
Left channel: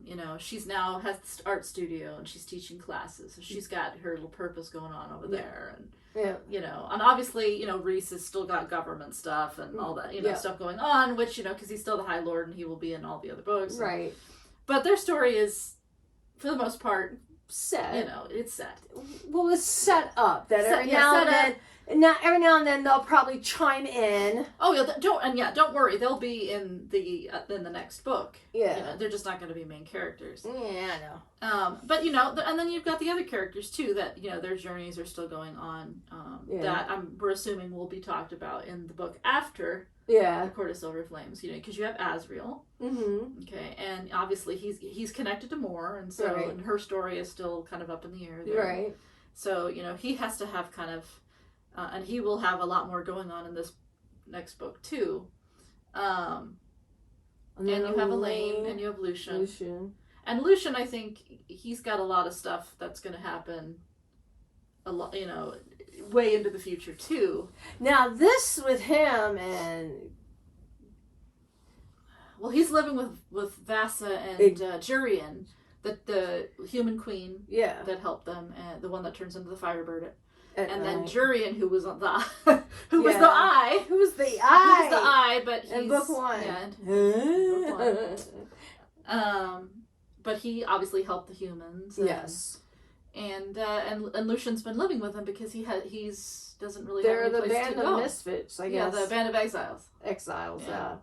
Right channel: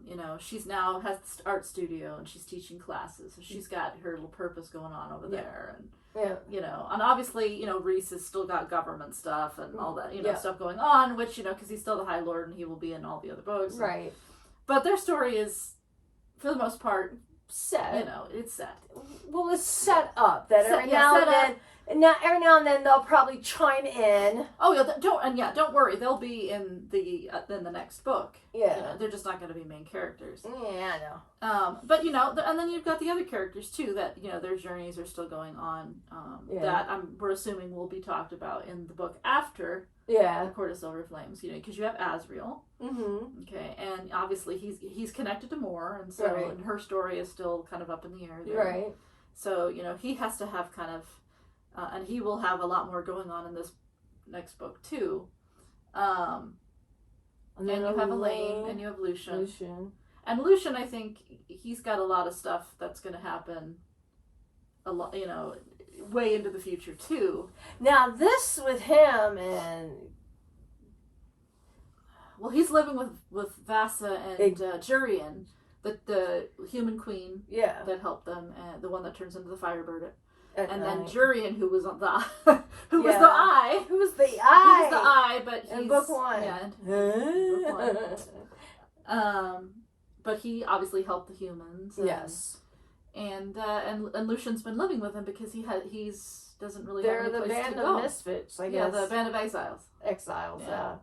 you know, she's now has art studio, and she's teaching classes, so she's got her little purpose going on over there, and you know, and obviously, you know, Reese has still got government stuff and all that, you know, stuff going on, which, you know, because he's still the High Lord and he will be in all the other books, right? But their story is, for the most part, set. You know, it's set. Well, it's set up that every now and then they'll probably chime in. Oh yeah, don't worry, they'll be in the next book. Yeah, you know, they're just not going to be main characters. Yeah, I know. But you know, and then you've got the other characters too that, you know, their journeys are still going on. That we're assuming will be talked about in the book after. Yeah, the Court of Silver Flames. You know, because you have Asriel. Mm-hmm. Okay, and obviously he's connected to Mor, and so and her story is still kind of up in the air there. Right. So, you know, he has to have kind of. And he will have a lot more going on in this next book too. And you have Elaine, and you have Lucian. And Lucian, I think he's got a lot of stuff that's going to happen. A lot, you know, way into the future too. Now this with him and. Well, he's living with Vasa and Jurian, the human queen. Yeah. That helped them, and the one that turns into the Firebird. And then Jurian, who was the eye. Who was the eye, but he's... In book one. Yeah, book one. But he obviously helped the humans. Yes. And Lucian's been living with him because he's doesn't really have any place to go. They're the band of misfits, I guess. Yeah, the band of exiles. Exiles, yeah.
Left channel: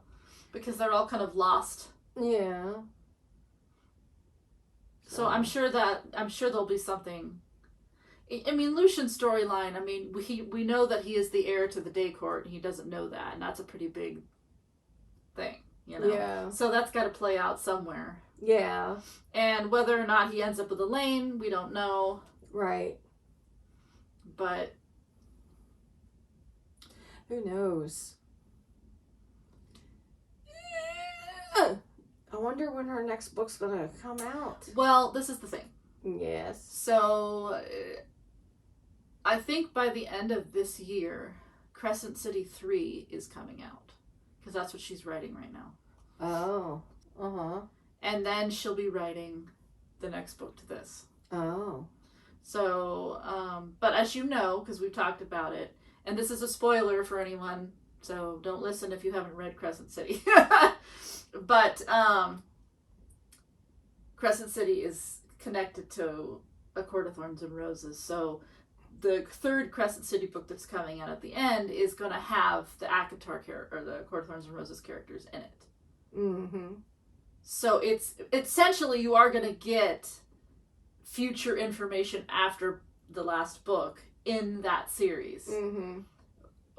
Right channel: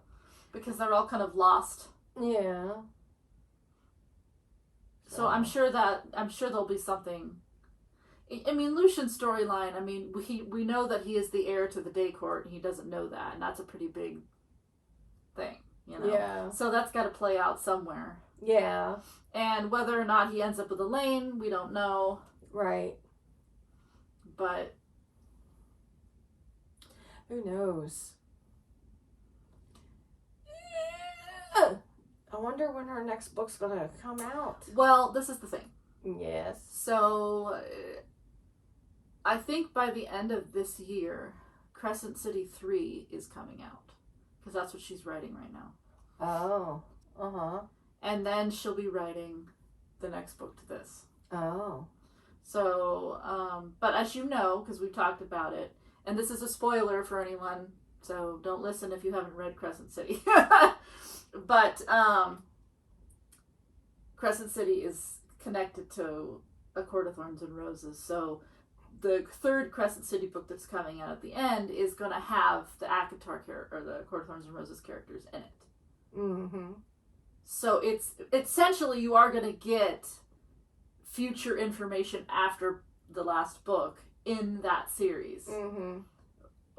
Because they're all kind of lost. Yeah. So I'm sure there'll be something... I mean, Lucian's storyline, I mean, we know that he is the heir to the Day Court, and he doesn't know that, and that's a pretty big thing, you know? Yeah. So that's got to play out somewhere. Yeah. And whether or not he ends up with Elaine, we don't know. Right. But... who knows? I wonder when her next book's going to come out. Well, this is the thing. Yes. So... I think by the end of this year, Crescent City 3 is coming out. Because that's what she's writing right now. Oh. Uh-huh. And then she'll be writing the next book to this. Oh. So, but as you know, because we've talked about it, and this is a spoiler for anyone, so don't listen if you haven't read Crescent City. But Crescent City is connected to A Court of Thorns and Roses, so the third Crescent City book that's coming out at the end is going to have the ACOTAR or the Court of Thorns and Roses characters in it. Mm-hmm. So it's essentially you are going to get future information after the last book in that series. Mm-hmm.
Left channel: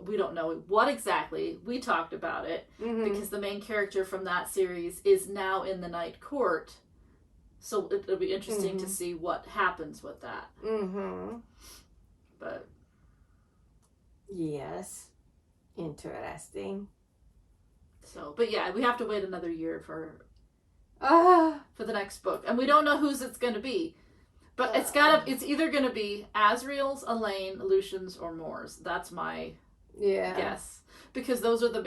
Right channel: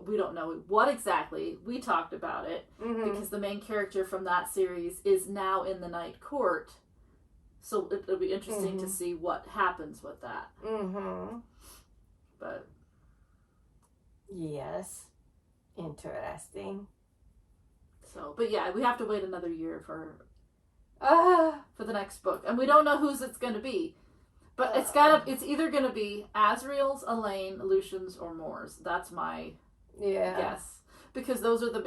We don't know what exactly. We talked about it because the main character from that series is now in the Night Court. So it'll be interesting to see what happens with that. Mm-hmm. But yes, interesting. So, but yeah, we have to wait another year for the next book, and we don't know whose it's going to be. But it's either going to be Asriel's, Elaine, Lucian's, or Moore's. That's my guess, because those are the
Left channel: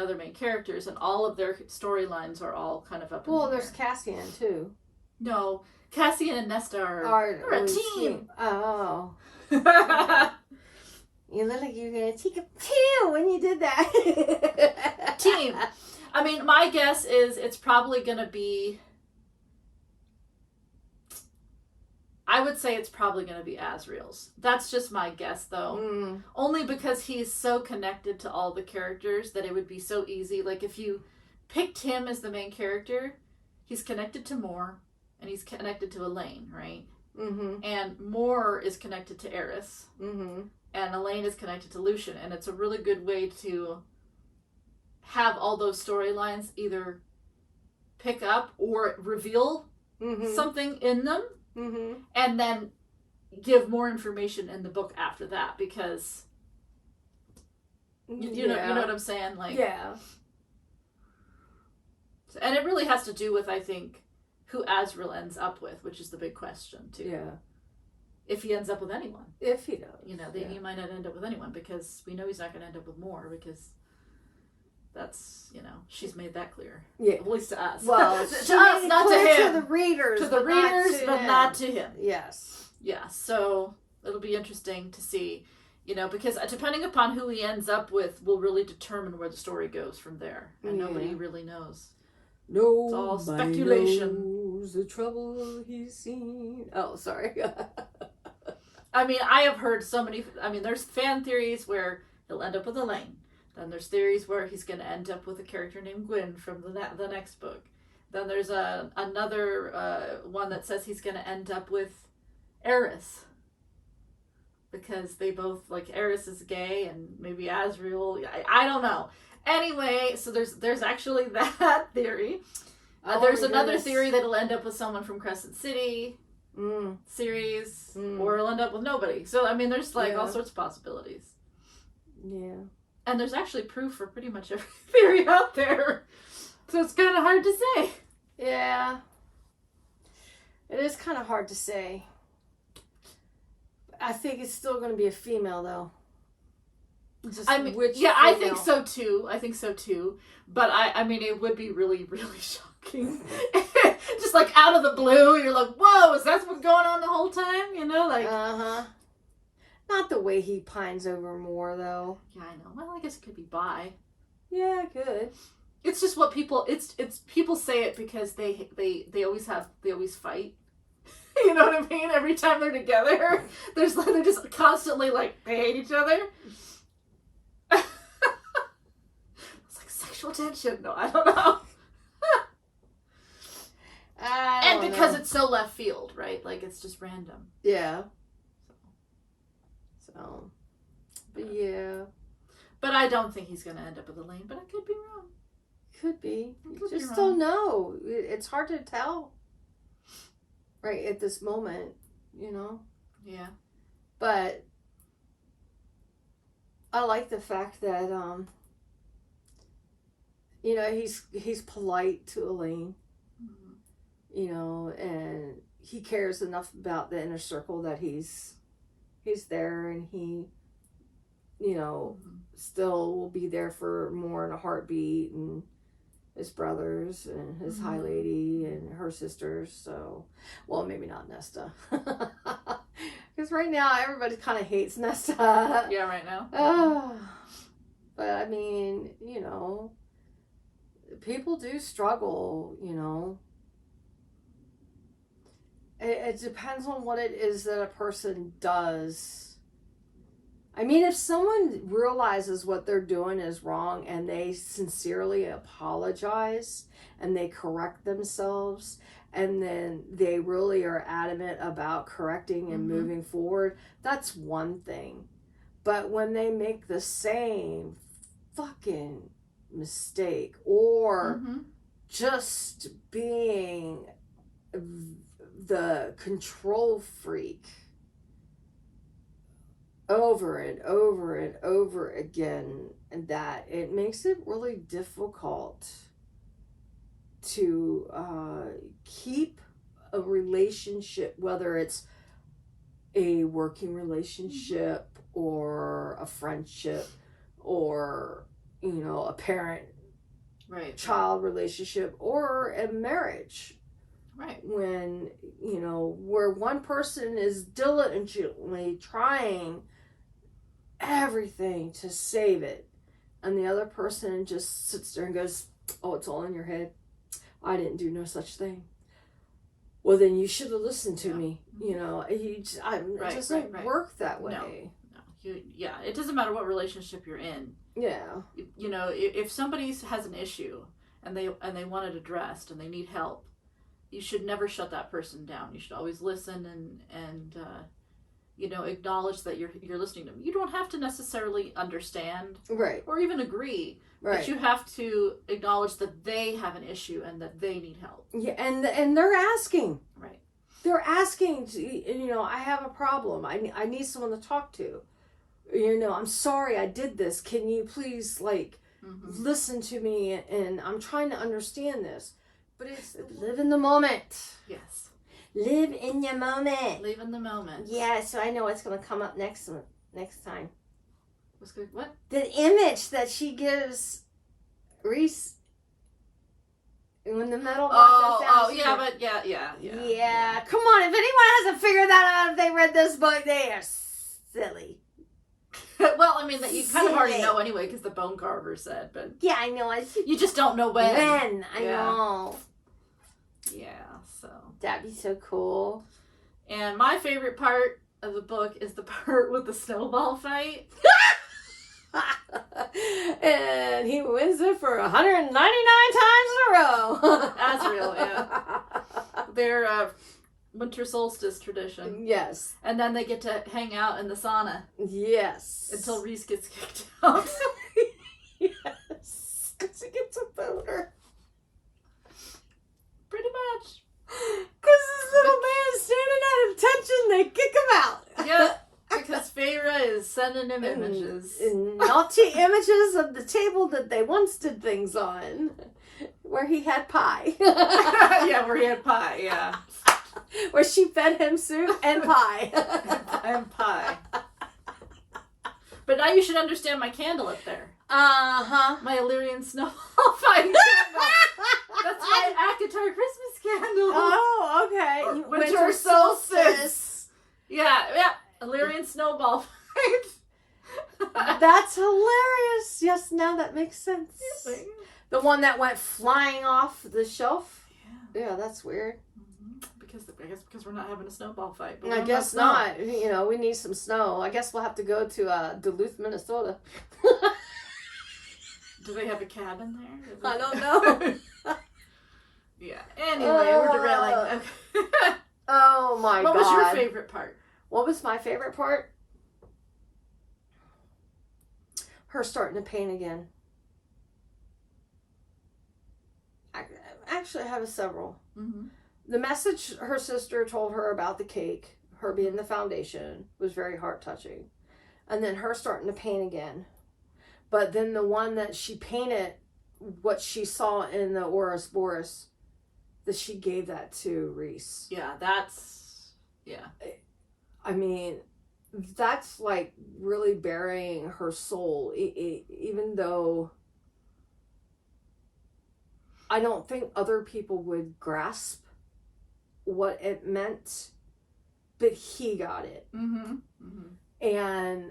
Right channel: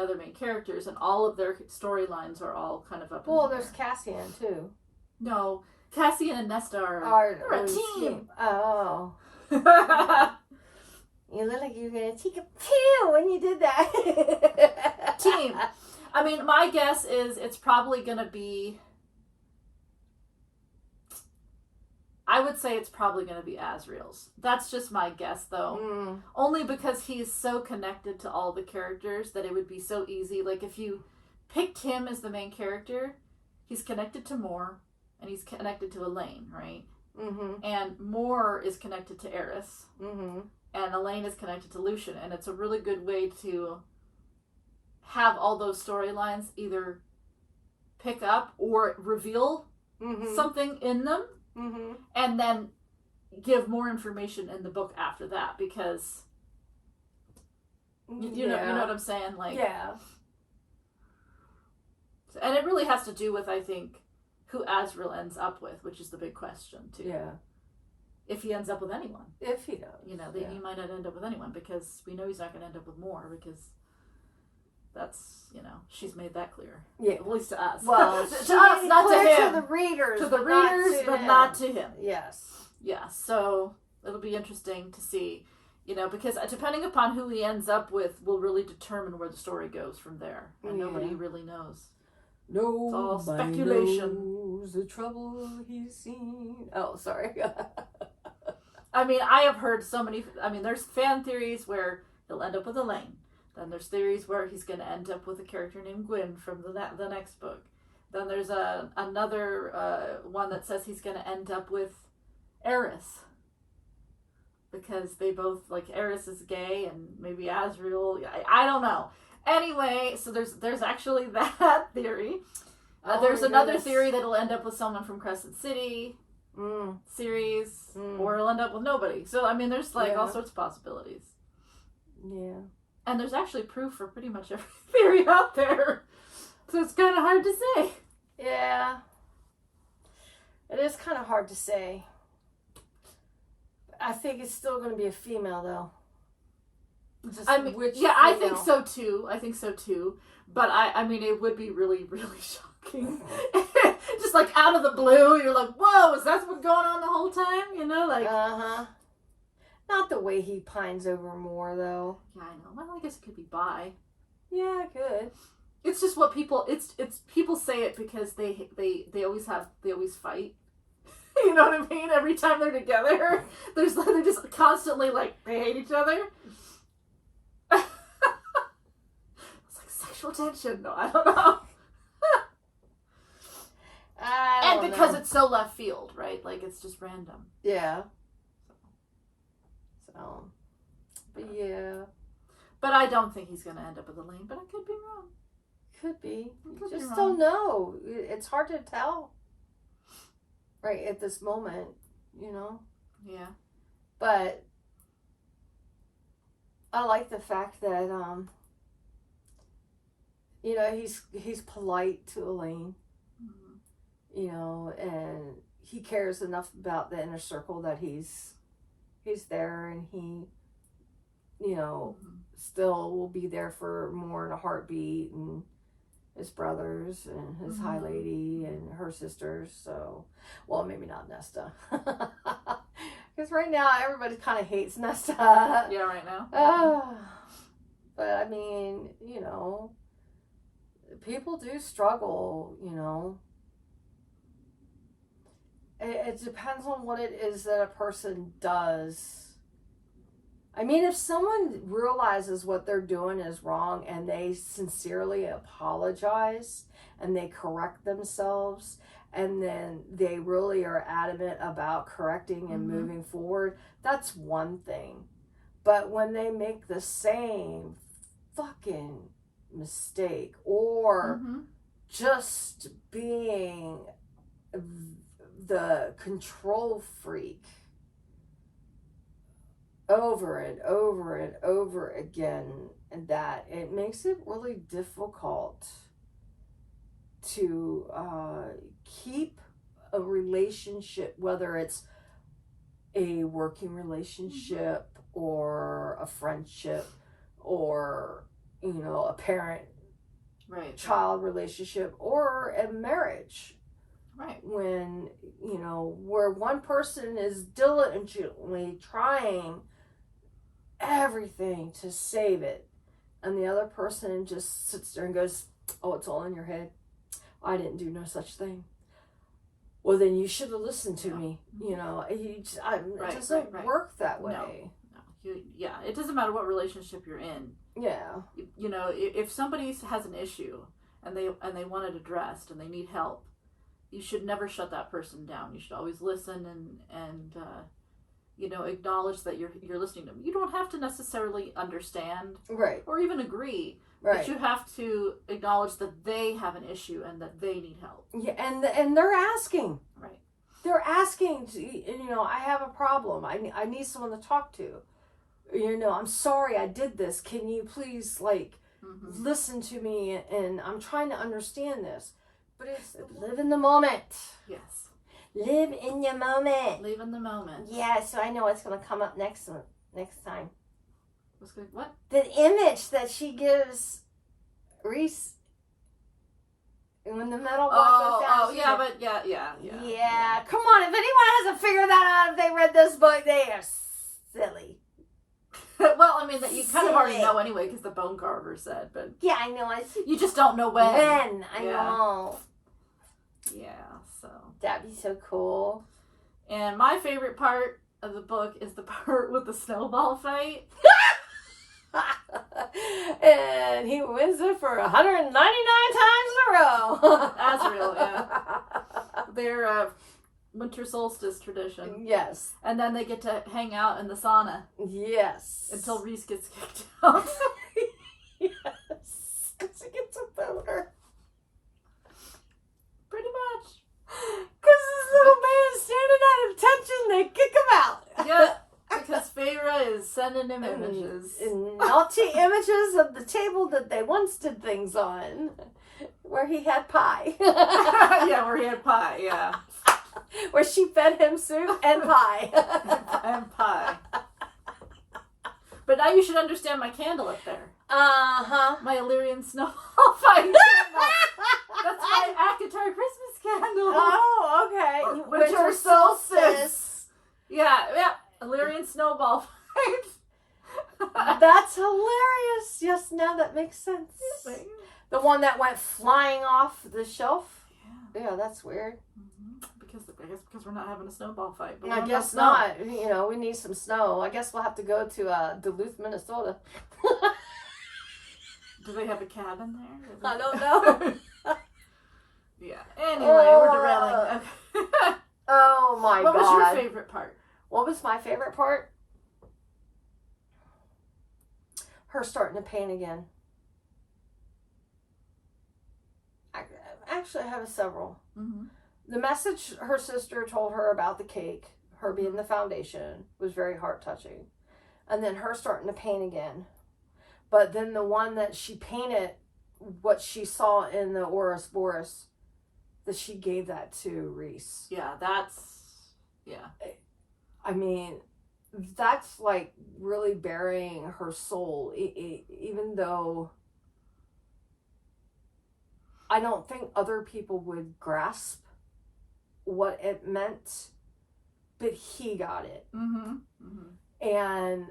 other main characters, and all of their storylines are all kind of up. Well, there's Cassian too. No, Cassian and Nesta are a team. Oh. You look like you're gonna take a pill when you did that. Team. I mean, my guess is it's probably gonna be. I would say it's probably going to be Asriel's. That's just my guess, though. Only because he's so connected to all the characters that it would be so easy. Like, if you picked him as the main character, he's connected to Moore, and he's connected to Elaine, right? Mm-hmm. And Moore is connected to Eris. Mm-hmm. And Elaine is connected to Lucian. And it's a really good way to have all those storylines either pick up or reveal something in them. Mm-hmm. And then give more information in the book after that, because you know what I'm saying, like and it really has to do with, I think, who Asriel ends up with, which is the big question too. Yeah, if he ends up with anyone, if he does, he might not end up with anyone, because we know he's not going to end up with Moore, because that's, she's made that clear. Yeah. At least to us. Well, to us, not to him. To the readers. To the readers, but not to him. Yes. Yeah, so it'll be interesting to see, because depending upon who he ends up with will really determine where the story goes from there. And nobody really knows. No, it's all speculation. Knows the trouble he's seen. Oh, sorry. I mean, I have heard so many, there's fan theories where he'll end up with Elaine. Then there's theories where he's going to end up with a character named Gwyn from the next book. Then there's another one that says he's going to end up with Eris, because they both, like, Eris is gay and maybe Asriel. I don't know. Anyway, so there's actually that theory. There's another theory that he'll end up with someone from Crescent City series, or he'll end up with nobody. So there's all sorts of possibilities. Yeah. And there's actually proof for pretty much every theory out there. So it's kind of hard to say. Yeah. It is kind of hard to say. I think it's still going to be a female, though. I think so too. But it would be really, really shocking. Just like out of the blue, you're like, whoa, is that what's going on the whole time? Uh-huh. Not the way he pines over Moore, though. Yeah, I know. Well, I guess it could be bi. Yeah, good. It's just what people. It's people say it because they always fight. You know what I mean? Every time they're together, they're just constantly like they hate each other. It's like sexual tension. No, I don't know. And because it's so left field, right? Like, it's just random. Yeah. But yeah. But I don't think he's going to end up with Elaine, but I could be wrong. Could be. You just don't know. It's hard to tell. Right at this moment, Yeah. But I like the fact that, he's polite to Elaine. Mm-hmm. And he cares enough about the inner circle that he's there, and he, still will be there for Moore in a heartbeat, and his brothers and his high lady and her sisters. So, well, maybe not Nesta, because right now everybody kind of hates Nesta. Yeah, right now. But people do struggle, It depends on what it is that a person does. I mean, if someone realizes what they're doing is wrong and they sincerely apologize and they correct themselves and then they really are adamant about correcting and moving forward, that's one thing. But when they make the same fucking mistake or just being the control freak over and over and over again, and that it makes it really difficult to keep a relationship, whether it's a working relationship or a friendship or, you know, a parent child relationship or a marriage. Right. When, you know, where one person is diligently trying everything to save it and the other person just sits there and goes, oh, it's all in your head. I didn't do no such thing. Well, then you should have listened to me. You know, it doesn't work that way. No. It doesn't matter what relationship you're in. Yeah. You know, if somebody has an issue and they want it addressed and they need help, you should never shut that person down. You should always listen and you know, acknowledge that you're listening to them. You don't have to necessarily understand, right, or even agree, right, but you have to acknowledge that they have an issue and that they need help. Yeah, and they're asking. Right. They're asking to, you know, I have a problem. I need someone to talk to. You know, I'm sorry I did this. Can you please listen to me? And I'm trying to understand this. But it's live in the moment. Yes. Live in your moment. Live in the moment. Yeah, so I know what's going to come up next time. What's good? What? The image that she gives Reese when the metal block goes down. Oh, yeah, but yeah. Come on, if anyone hasn't figured that out, if they read this book, they are silly. Well, I mean, that you kind of already know anyway, because the bone carver said, but... Yeah, I know. You just don't know when. I know. Yeah, so... That'd be so cool. And my favorite part of the book is the part with the snowball fight. And he wins it for 199 times in a row. That's real, yeah. Their winter solstice tradition. Yes. And then they get to hang out in the sauna. Yes. Until Reese gets kicked out. Yes. Because he gets a boner. Pretty much. Because this little man standing at attention, they kick him out. Yep. Because Feyre is sending him images. Naughty images of the table that they once did things on. Where he had pie. Yeah, where he had pie, yeah. Where she fed him soup and pie. And pie. But now you should understand my candle up there. Uh-huh. My Illyrian snowball fight. That's my ACOFAS Christmas candle. Oh, okay. Winter solstice. Yeah. Illyrian snowball fight. That's hilarious. Yes, now that makes sense. The one that went flying off the shelf? Yeah, that's weird. I guess because we're not having a snowball fight. But I guess not. You know, we need some snow. I guess we'll have to go to Duluth, Minnesota. Do they have a cabin there? I don't know. Yeah. Anyway, we're derailing. Okay. Oh my God. What was your favorite part? What was my favorite part? Her starting to paint again. Actually, I have several. Mm-hmm. The message her sister told her about the cake, her being the foundation, was very heart-touching. And then her starting to paint again. But then the one that she painted, what she saw in the Ouroboros, that she gave that to Reese. Yeah, that's... Yeah. I mean, that's like really burying her soul. Even though I don't think other people would grasp what it meant, but he got it. Mm-hmm. Mm-hmm. And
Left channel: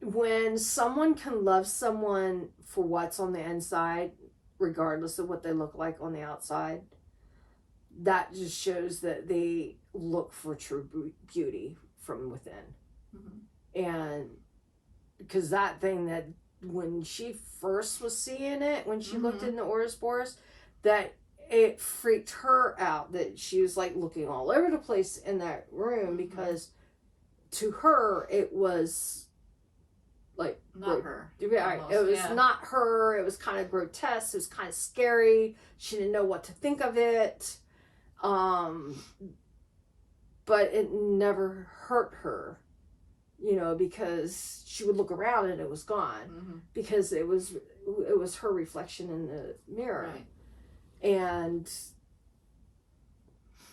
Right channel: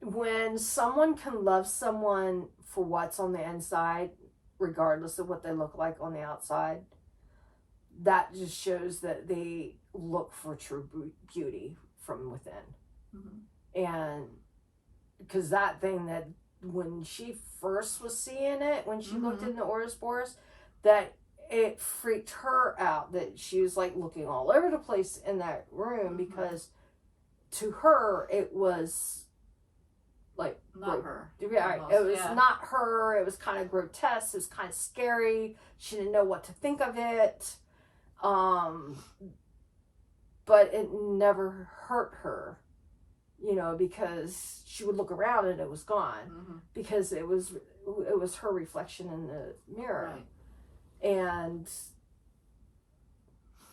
when someone can love someone for what's on the inside, regardless of what they look like on the outside, that just shows that they look for true beauty from within. And because that thing that when she first was seeing it, when she looked in the Ouroboros, that it freaked her out, that she was like looking all over the place in that room, because to her it was like not her. Right. It was not her. It was kind of grotesque. It was kind of scary. She didn't know what to think of it. But it never hurt her, you know, because she would look around and it was gone, because it was her reflection in the mirror. Right. And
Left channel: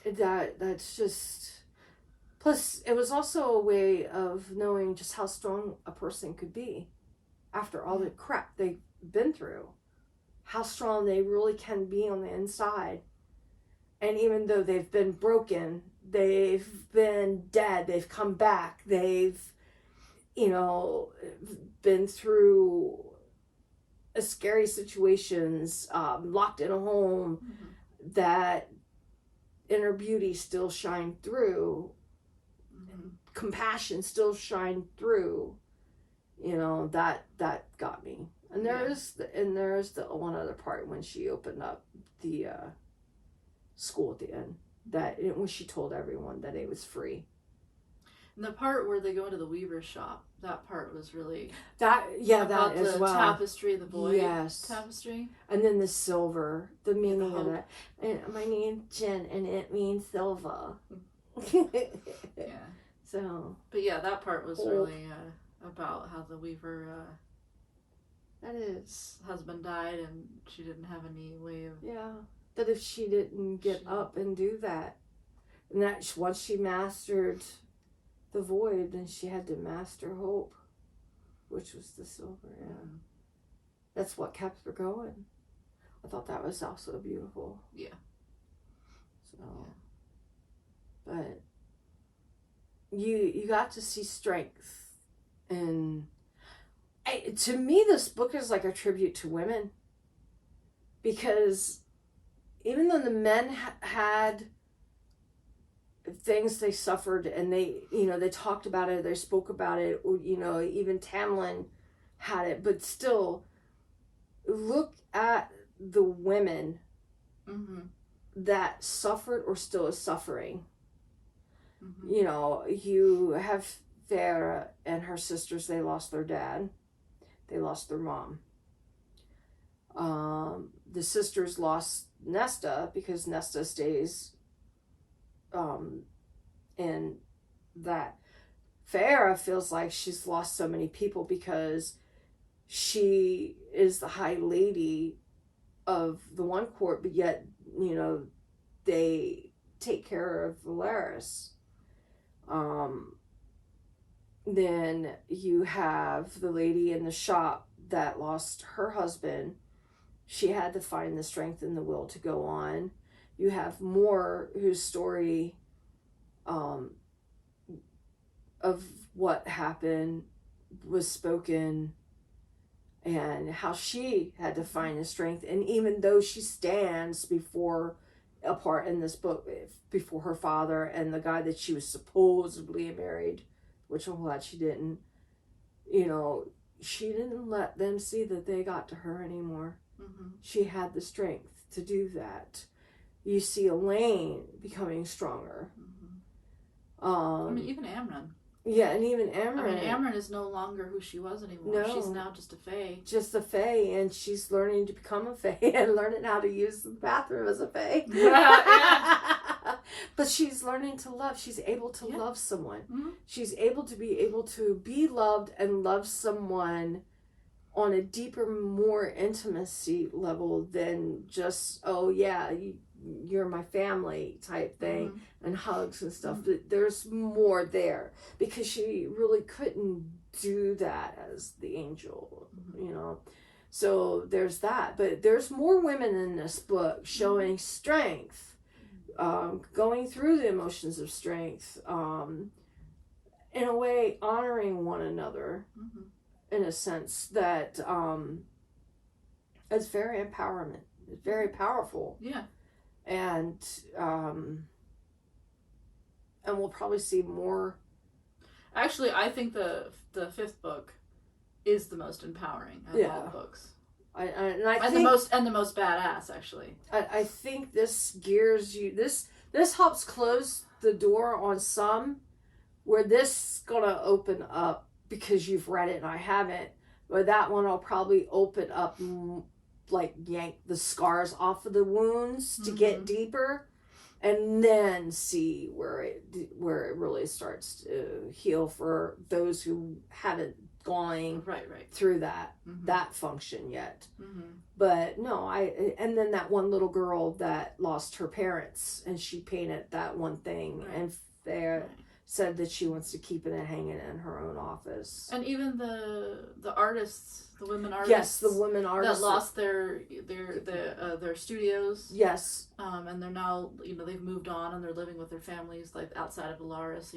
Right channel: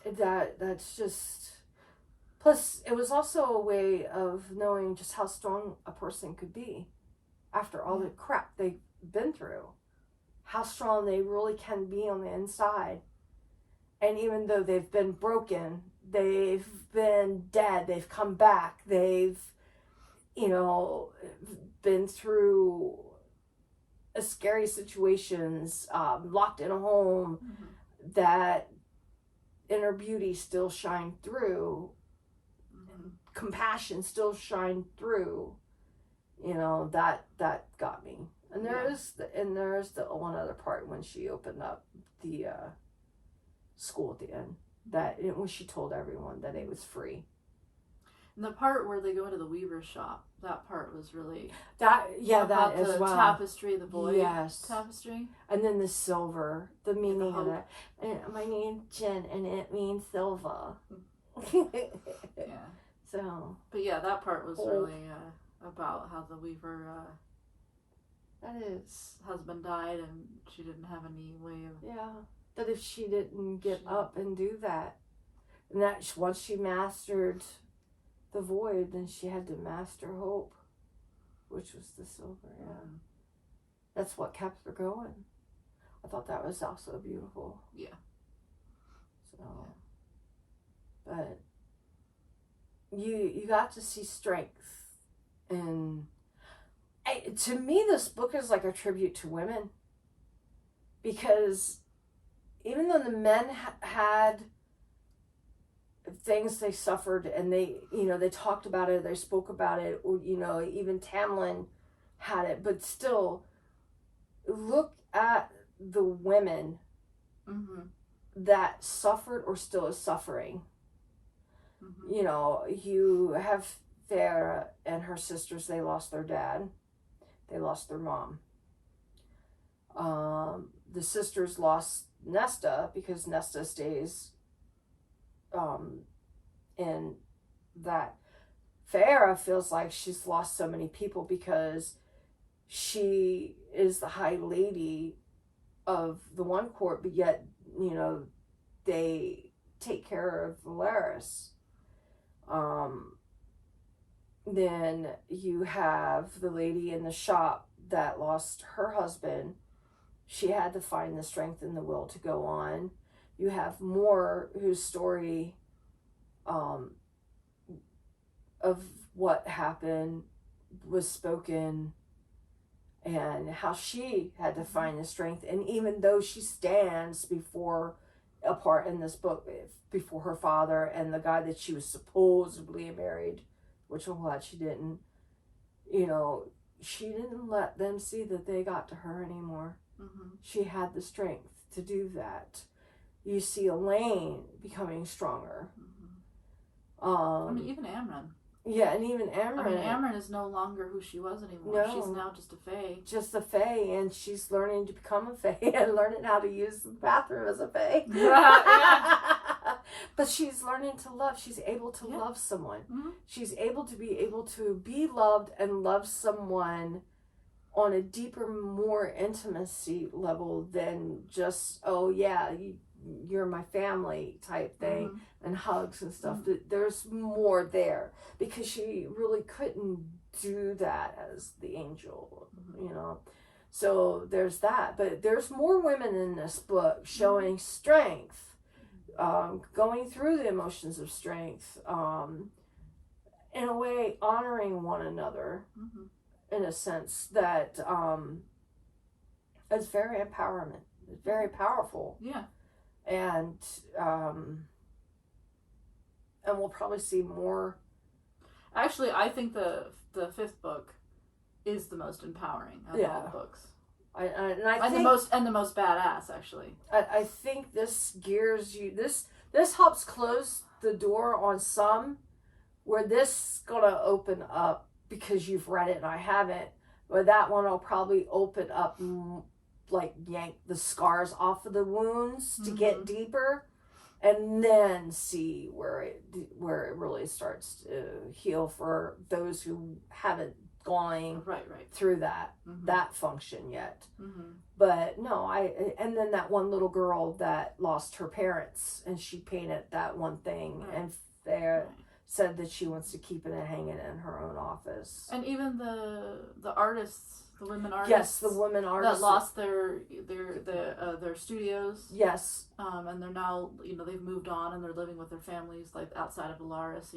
that's just, plus it was also a way of knowing just how strong a person could be after all the crap they've been through, how strong they really can be on the inside. And even though they've been broken, they've been dead, they've come back, they've, you know, been through scary situations, locked in a home, that inner beauty still shined through, compassion still shined through, you know, that got me. And there's the one other part when she opened up the school at the end, that when she told everyone that it was free. And the part where they go into the weaver's shop, that part was really that as well. Tapestry, the void tapestry, and then the silver, the meaning of that. And my name's Jen, and it means silver. So, but that part was really about how the weaver that is husband died, and she didn't have any way of that if she didn't get up and do that, and that once she mastered the void, then she had to master hope, which was the silver. That's what kept her going. I thought that was also beautiful. But you got to see strength, and to me this book is like a tribute to women, because even though the men had things they suffered, and they, you know, they talked about it, they spoke about it, or, you know, even Tamlin had it, but still look at the women that suffered or still is suffering. You know, you have Farah and her sisters, they lost their dad, they lost their mom. The sisters lost Nesta, because Nesta stays and that Farah feels like she's lost so many people, because she is the high lady of the one court, but yet, you know, they take care of Valeris. Then you have the lady in the shop that lost her husband. She had to find the strength and the will to go on. You have Moore, whose story of what happened was spoken, and how she had to find the strength. And even though she stands before a part in this book, before her father and the guy that she was supposedly married, which I'm glad she didn't, you know, she didn't let them see that they got to her anymore. She had the strength to do that. You see Elaine becoming stronger. I mean, even Amryn. Yeah, and even Amryn. I mean, Amryn is no longer who she was anymore. No, she's now just a fae. Just a fae, and she's learning to become a fae and learning how to use the bathroom as a fae. But she's learning to love. She's able to love someone. She's able to be loved and love someone on a deeper, more intimacy level than just, oh yeah, you're my family type thing, and hugs and stuff. But there's more there, because she really couldn't do that as the angel, you know. So there's that. But there's more women in this book showing strength, going through the emotions of strength, in a way honoring one another, in a sense that it's very empowerment. It's very powerful. and we'll probably see more. Actually, I think the fifth book is the most empowering of all the books. I think the most badass, actually. I think this gears you. This helps close the door on some, where this is gonna open up because you've read it and I haven't. But that one will probably open up, like yank the scars off of the wounds to get deeper, and then see where it really starts to heal for those who haven't gone through that function yet. But no, and then that one little girl that lost her parents, and she painted that one thing, and they said that she wants to keep it and hang it in her own office. And even the artists, the women artists, yes, the women artists that lost their studios, yes, and they're now, they've moved on and they're living with their families, like outside of Alaris,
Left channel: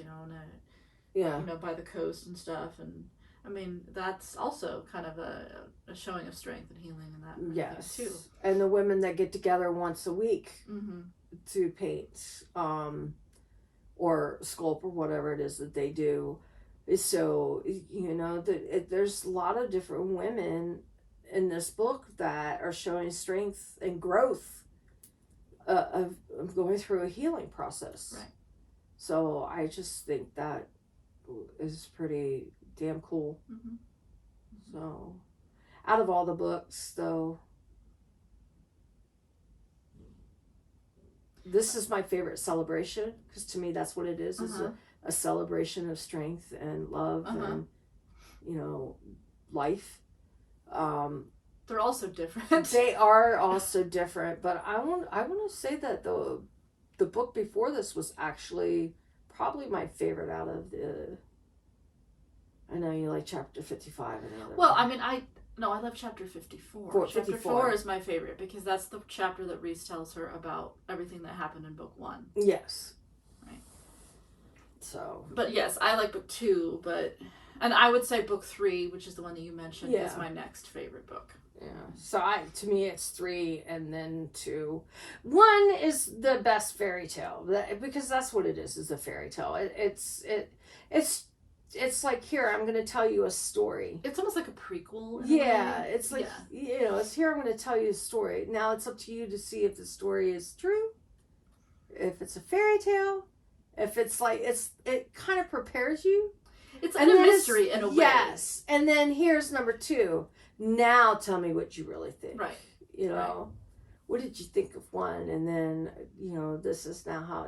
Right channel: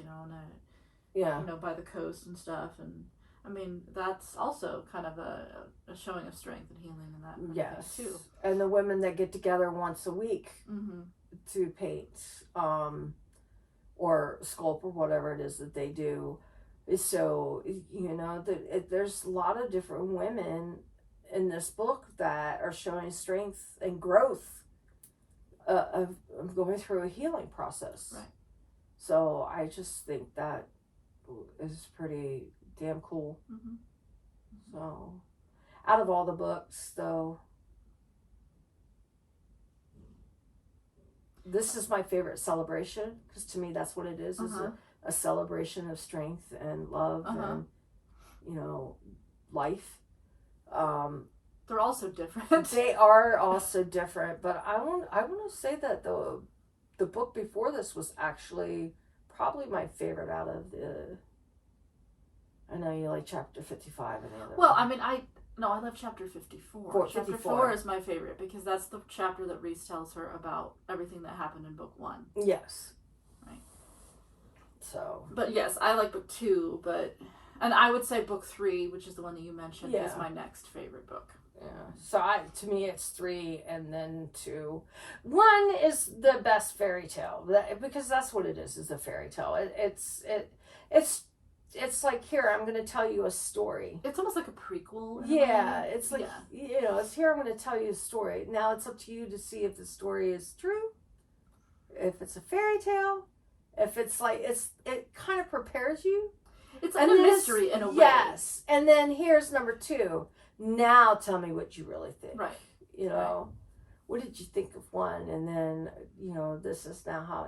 and by the coast and stuff. And I mean, that's also kind of a showing of strength and healing in that. Yes, too. And the women that get together once a week to paint, or sculpt, or whatever it is that they do. So, there's a lot of different women in this book that are showing strength and growth of going through a healing process. Right. So I just think that is pretty damn cool. So, out of all the books, though, this is my favorite celebration, because to me that's what it is a celebration of strength and love and life. They're also different. They are also different, but I want to say that the book before this was actually probably my favorite out of the. I know you like chapter 55 and the other. Well, I mean, I love chapter 54. Chapter 4 is my favorite because that's the chapter that Reese tells her about everything that happened in book 1. Yes. Right. So. But yes, I like book 2, and I would say book 3, which is the one that you mentioned, is my next favorite book. Yeah. So to me it's 3 and then 2. 1 is the best fairy tale because that's what it is a fairy tale. It's like, here, I'm going to tell you a story. It's almost like a prequel. Yeah, it's like, it's here, I'm going to tell you a story. Now it's up to you to see if the story is true, if it's a fairy tale, if it's like, it kind of prepares you. It's like a mystery in a way. Yes. And then here's number 2. Now tell me what you really think. Right. What did you think of 1? And then, this is now how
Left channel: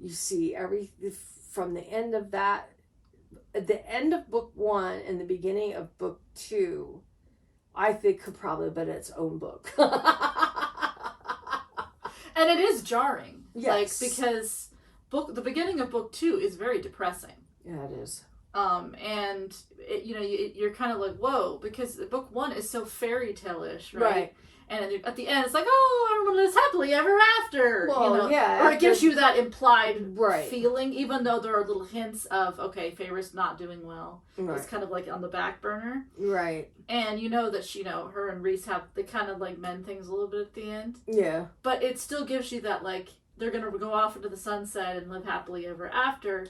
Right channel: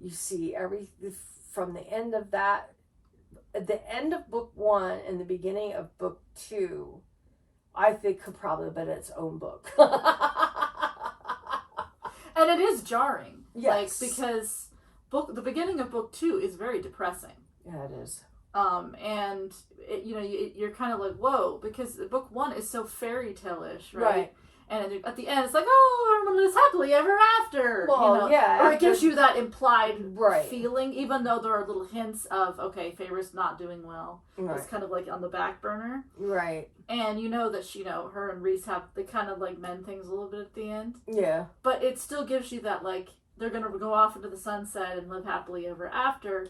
you see everything from the end of that. At the end of book 1 and the beginning of book 2, I think could probably have been its own book. And it is jarring. Yes. Because the beginning of book 2 is very depressing. Yeah, it is. And you're kind of like, whoa, because book 1 is so fairy tale-ish, right? And at the end, it's like, oh, everyone lives happily ever after. Well, or it gives you that implied feeling, even though there are little hints of, okay, Feyre's not doing well. Right. It's kind of like on the back burner. Right. And you know that her and Reese they kind of like mend things a little bit at the end. Yeah. But it still gives you that, like, they're going to go off into the sunset and live happily ever after.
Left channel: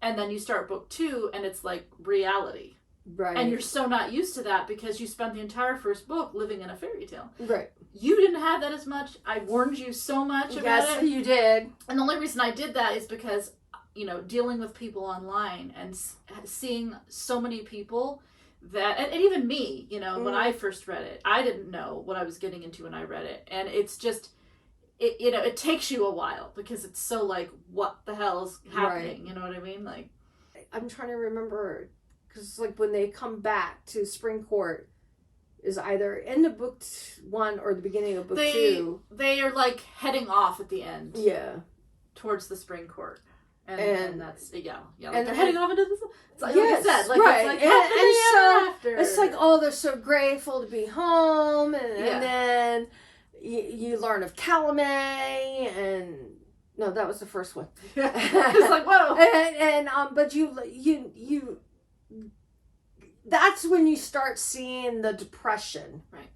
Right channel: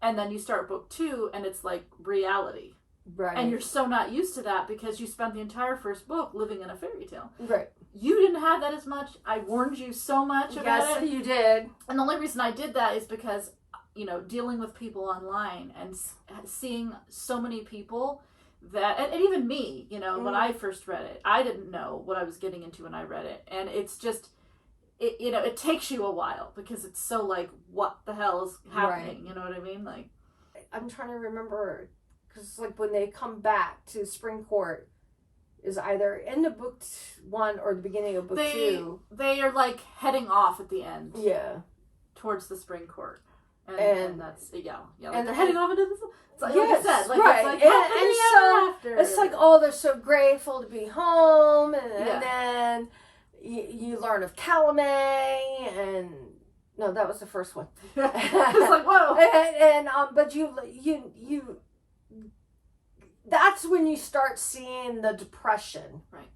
And then you start book 2 and it's like reality. Right. And you're so not used to that because you spent the entire first book living in a fairy tale. Right. You didn't have that as much. I warned you so much about it. Yes, you did. And the only reason I did that is because, dealing with people online and seeing so many people that, and even me, when I first read it, I didn't know what I was getting into when I read it. And it's just, it takes you a while because it's so like, what the hell is happening? Right. You know what I mean? Like, I'm trying to remember. Because like when they come back to Spring Court is either end of book 1 or the beginning of book 2. They are like heading off at the end. Yeah. Towards the Spring Court. And that's, like and they're heading off into the... It's like, like I said, like, right. It's like and so after. It's like, oh, they're so grateful to be home. And then you learn of Calumet and... No, that was the first one. It's like, whoa. But you that's when you start seeing the depression. Right.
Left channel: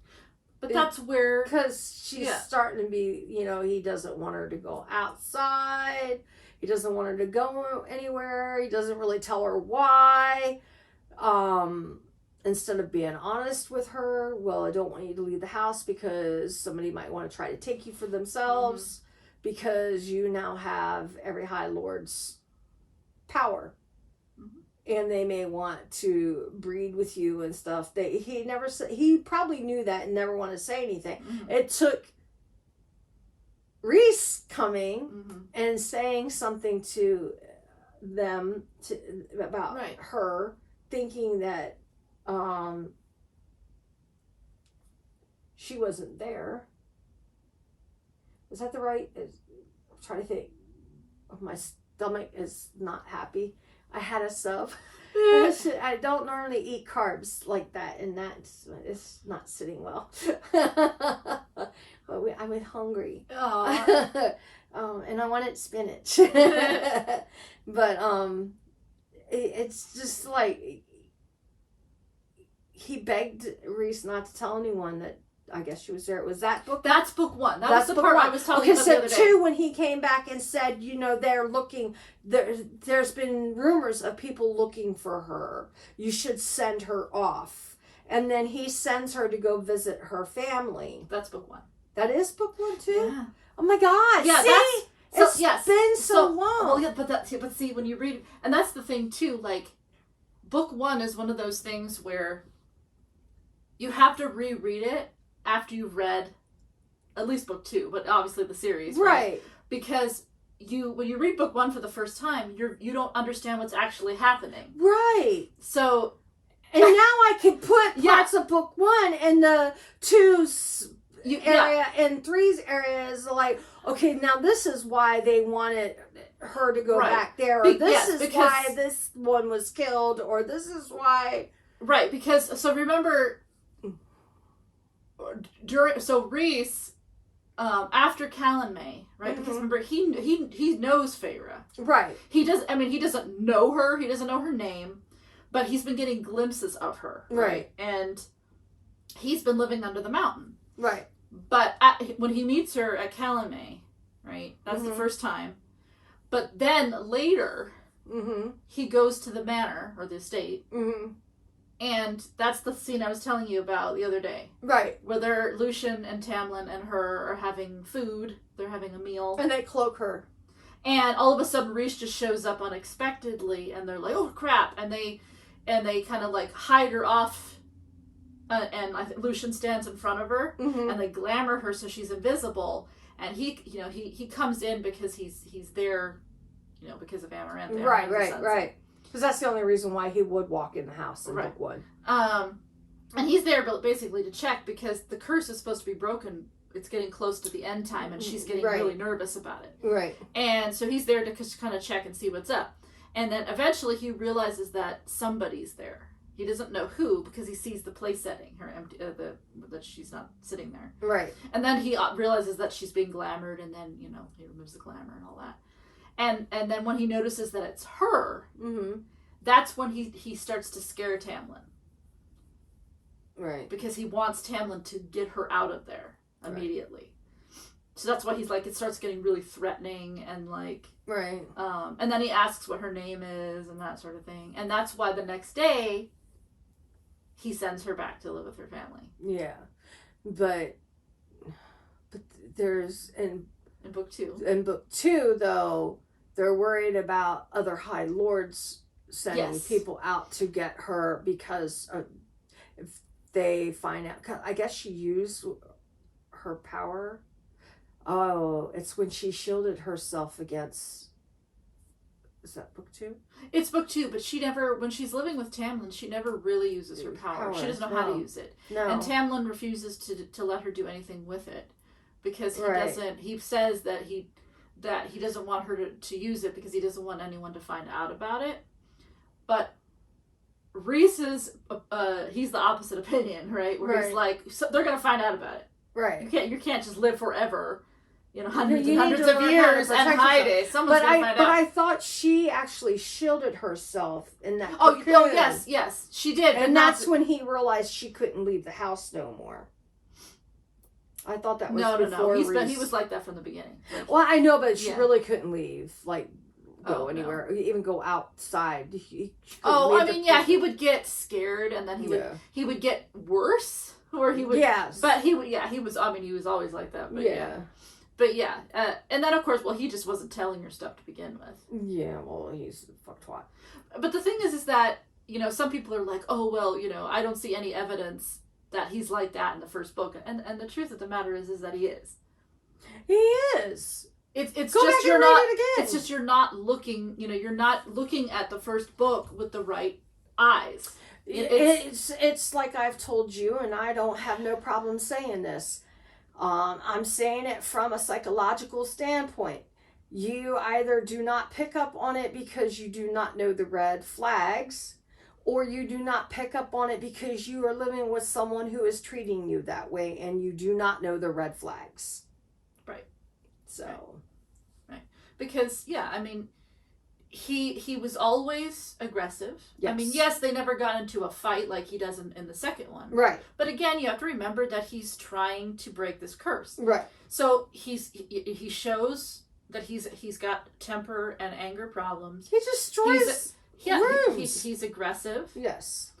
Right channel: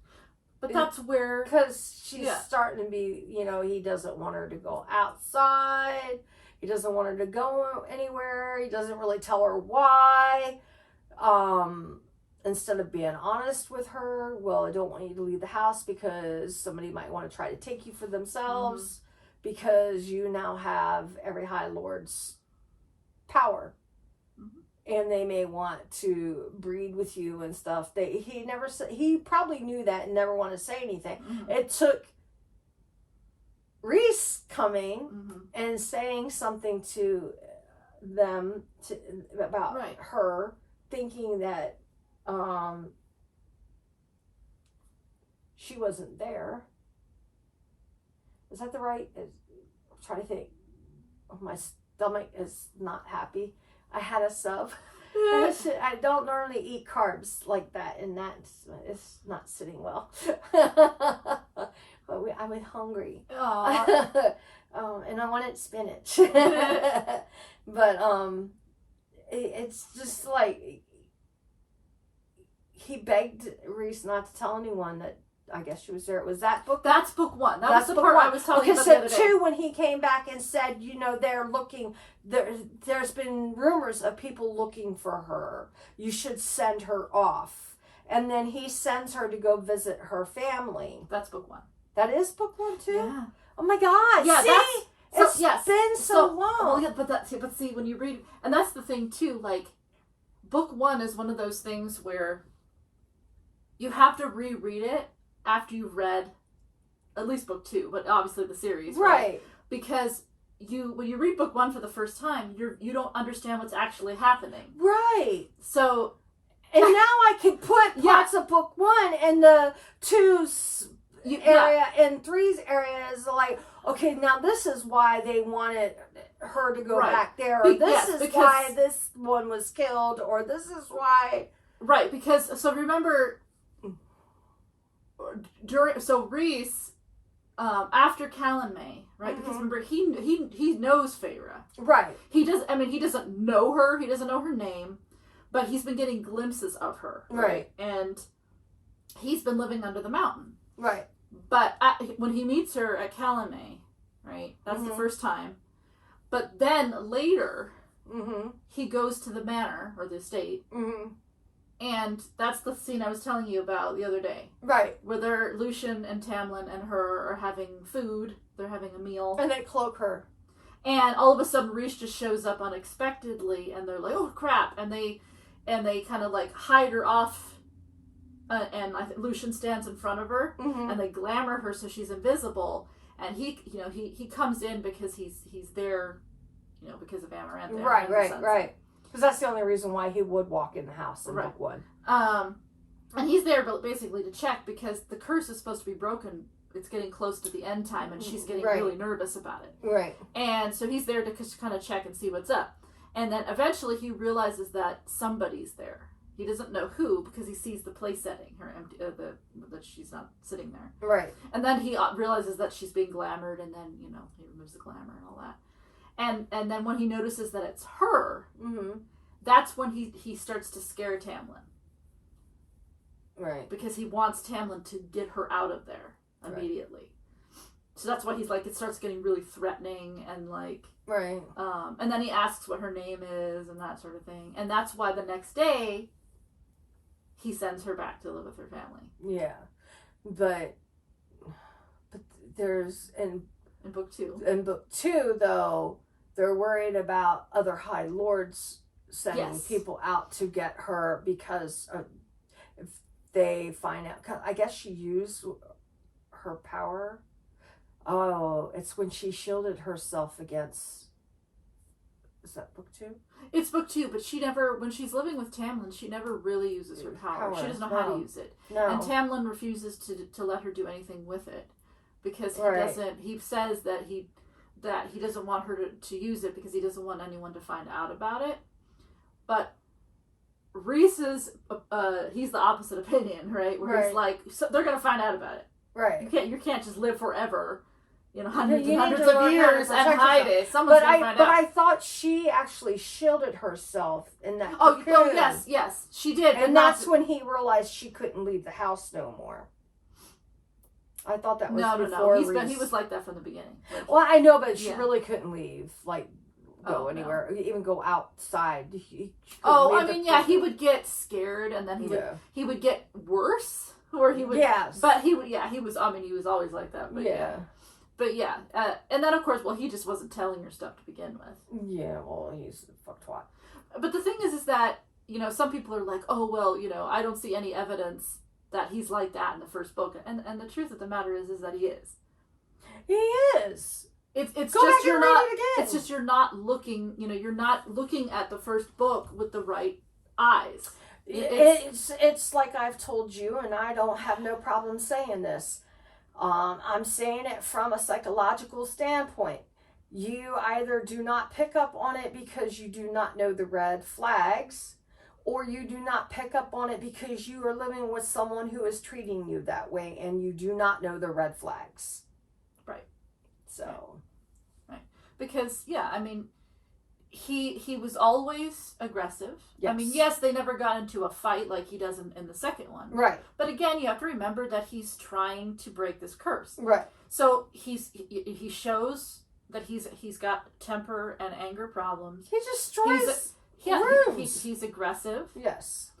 But that's where... Because she's starting to be, he doesn't want her to go outside. He doesn't want her to go anywhere. He doesn't really tell her why. Instead of being honest with her, well, I don't want you to leave the house because somebody might want to try to take you for themselves because you now have every High Lord's power. And they may want to breed with you and stuff. He probably knew that and never wanted to say anything. It took Rhys coming and saying something to them about her, thinking that she wasn't there. Is that the right? I'm trying to think. My stomach is not happy. I had a sub. I don't normally eat carbs like that, and it's not sitting well. But I was hungry. And I wanted spinach. But it's just like he begged Rhys not to tell anyone that I guess she was there. Was that book? That's book one. That's the part I was talking about the other day. Okay, so 2, when he came back and said, they're looking, there's been rumors of people looking for her. You should send her off. And then he sends her to go visit her family. That's book 1. That is book 1 too? Yeah. Oh my God. Yeah, see? It's been so long. Well, yeah, but see, when you read, and that's the thing too, like, book 1 is one of those things where you have to reread it after you've read at least book 2, but obviously the series, right? Because when you read book 1 for the first time, you don't understand what's actually happening, right? So, and now I can put parts of book 1 in the 2's area and 3's areas. Like, okay, now this is why they wanted her to go back there. Or this is why this one was killed, or this is why. Right, because so remember. Rhys, after Callan May, right? Because remember, he knows Feyre, right? He doesn't know her. He doesn't know her name, but he's been getting glimpses of her, right? And he's been living under the mountain, right? But when he meets her at Callan May, right? That's the first time. But then later, he goes to the manor or the estate. And that's the scene I was telling you about the other day. Right. Where Lucian and Tamlin and her are having food. They're having a meal. And they cloak her. And all of a sudden Rhys just shows up unexpectedly and they're like, oh crap. And they kind of like hide her off. And I think Lucian stands in front of her. And they glamour her so she's invisible. And he comes in because he's there, because of Amaranth. Right. Because that's the only reason why he would walk in the house in book 1. And he's there basically to check because the curse is supposed to be broken. It's getting close to the end time and she's getting really nervous about it. Right. And so he's there to kind of check and see what's up. And then eventually he realizes that somebody's there. He doesn't know who because he sees the place setting, her empty, that she's not sitting there. Right. And then he realizes that she's being glamored and then, he removes the glamour and all that. And then when he notices that it's her, that's when he starts to scare Tamlin. Right. Because he wants Tamlin to get her out of there immediately. Right. So that's why he's like, it starts getting really threatening and like... Right. And then he asks what her name is and that sort of thing. And that's why the next day, he sends her back to live with her family. Yeah. But there's... In book 2. In book 2, though, they're worried about other High Lords sending people out to get her because if they find out... I guess she used her power. Oh, it's when she shielded herself against... Is that book 2? It's book 2, but she never... When she's living with Tamlin, she never really uses her power. She doesn't know how to use it. No. And Tamlin refuses to let her do anything with it. Because he doesn't, he says that he doesn't want her to use it because he doesn't want anyone to find out about it. But Rhys is, he's the opposite opinion, right? Where he's like, so they're going to find out about it. Right. You can't just live forever, hundreds and hundreds of years and hide it. Someone's going to find out. But I thought she actually shielded herself in that cocoon. Oh, yes, she did. And that's when he realized she couldn't leave the house no more. I thought that was no. He was like that from the beginning. Like, well, I know, but she really couldn't leave. Like, go anywhere, even go outside. He would get scared, and then he would get worse, or he would. Yes. But he was. I mean, he was always like that. But and then of course, he just wasn't telling her stuff to begin with. Yeah, well, he's a fuck twat. But the thing is that some people are like, oh well, I don't see any evidence that he's like that in the first book, and the truth of the matter is that he is. He is. It's just you're not. It's just you're not looking. You're not looking at the first book with the right eyes. It's like I've told you, and I don't have no problem saying this. I'm saying it from a psychological standpoint. You either do not pick up on it because you do not know the red flags, or you do not pick up on it because you are living with someone who is treating you that way and you do not know the red flags. Right. So. Right. Because, I mean, he was always aggressive. Yes. I mean, yes, they never got into a fight like he does in the second one. Right. But again, you have to remember that he's trying to break this curse. Right. So he shows that he's got temper and anger problems. He destroys rooms. He's aggressive. Yes.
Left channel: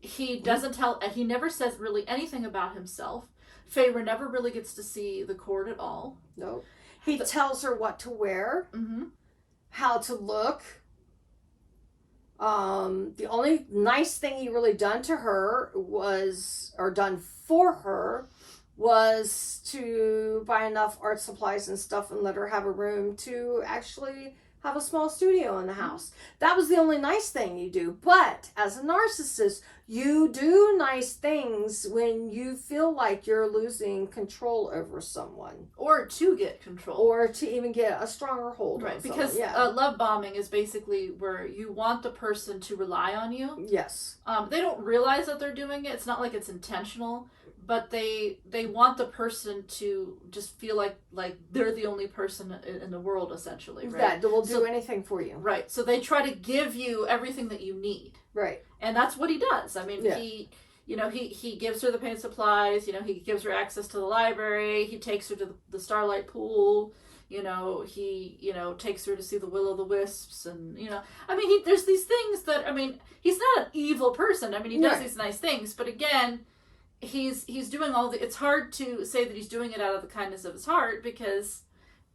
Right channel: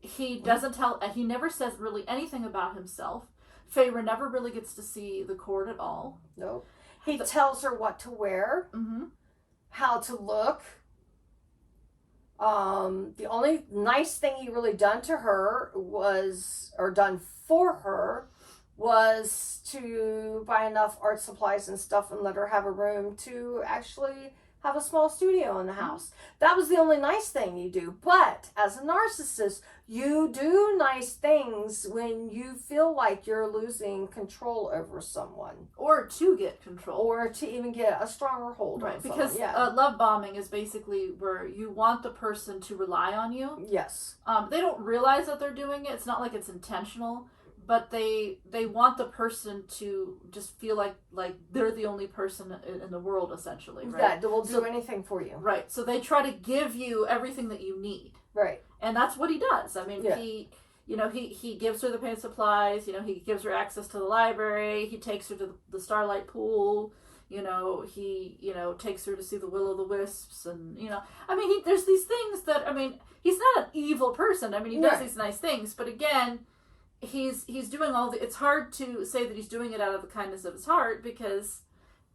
He doesn't he never says really anything about himself. Feyre never really gets to see the court at all. Nope. He tells her what to wear, how to look. The only nice thing he really done for her was to buy enough art supplies and stuff and let her have a room to actually have a small studio in the house. That was the only nice thing you do. But as a narcissist, you do nice things when you feel like you're losing control over someone. Or to get control. Or to even get a stronger hold on someone. Because love bombing is basically where you want the person to rely on you. Yes. They don't realize that they're doing it. It's not like it's intentional. But they want the person to just feel like they're the only person in the world, essentially, right? That will do anything for you. Right. So they try to give you everything that you need. Right. And that's what he does. I mean, he gives her the paint supplies, he gives her access to the library, he takes her to the Starlight Pool, he takes her to see the Will-o'-the-Wisps, and, I mean, there's these things that, I mean, he's not an evil person. I mean, he does these nice things, but again, he's doing it's hard to say that he's doing it out of the kindness of his heart because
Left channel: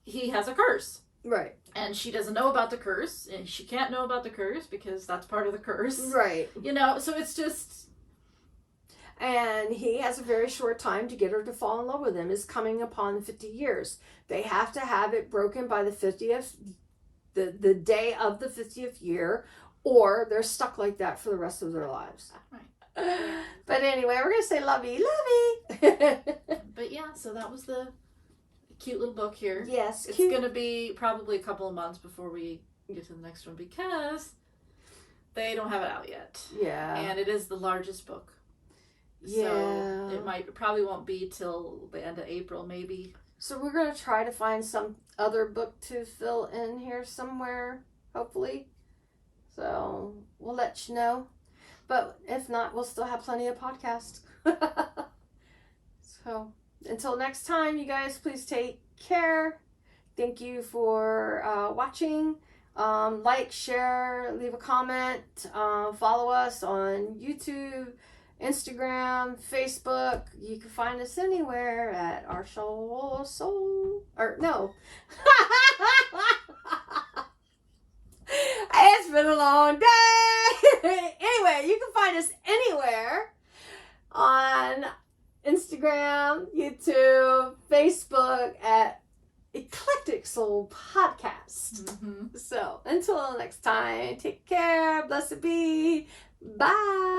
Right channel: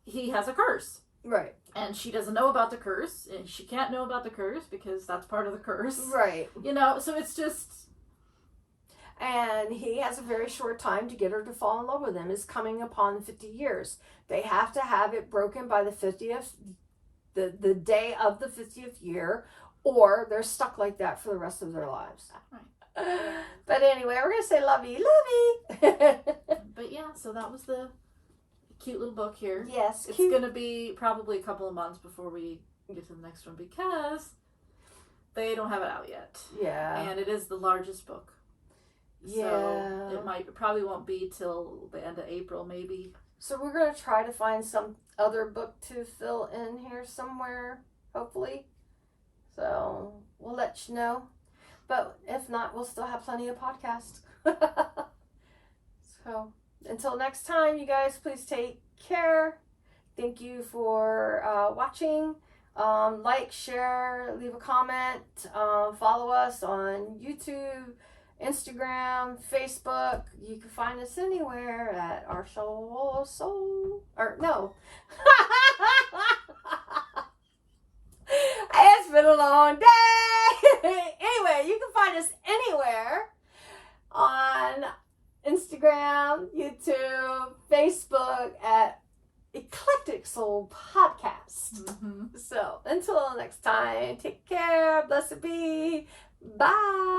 he has a curse. Right. And she doesn't know about the curse, and she can't know about the curse because that's part of the curse. Right. So it's just... And he has a very short time to get her to fall in love with him. Is coming upon 50 years. They have to have it broken by the 50th, the day of the 50th year, or they're stuck like that for the rest of their lives. Right. But anyway, we're going to say lovey. But yeah, so that was the cute little book here. Yes, it's going to be probably a couple of months before we get to the next one because they don't have it out yet. Yeah. And it is the largest book. Yeah. So it probably won't be till the end of April, maybe. So we're going to try to find some other book to fill in here somewhere, hopefully. So we'll let you know. But if not, we'll still have plenty of podcasts. So until next time, you guys, please take care. Thank you for watching. Like, share, leave a comment. Follow us on YouTube, Instagram, Facebook. You can find us anywhere at Our Soul. Or no. It's been a long day. Anyway, you can find us anywhere on Instagram, YouTube, Facebook at Eclectic Soul Podcast. So until next time, take care. Blessed be. Bye.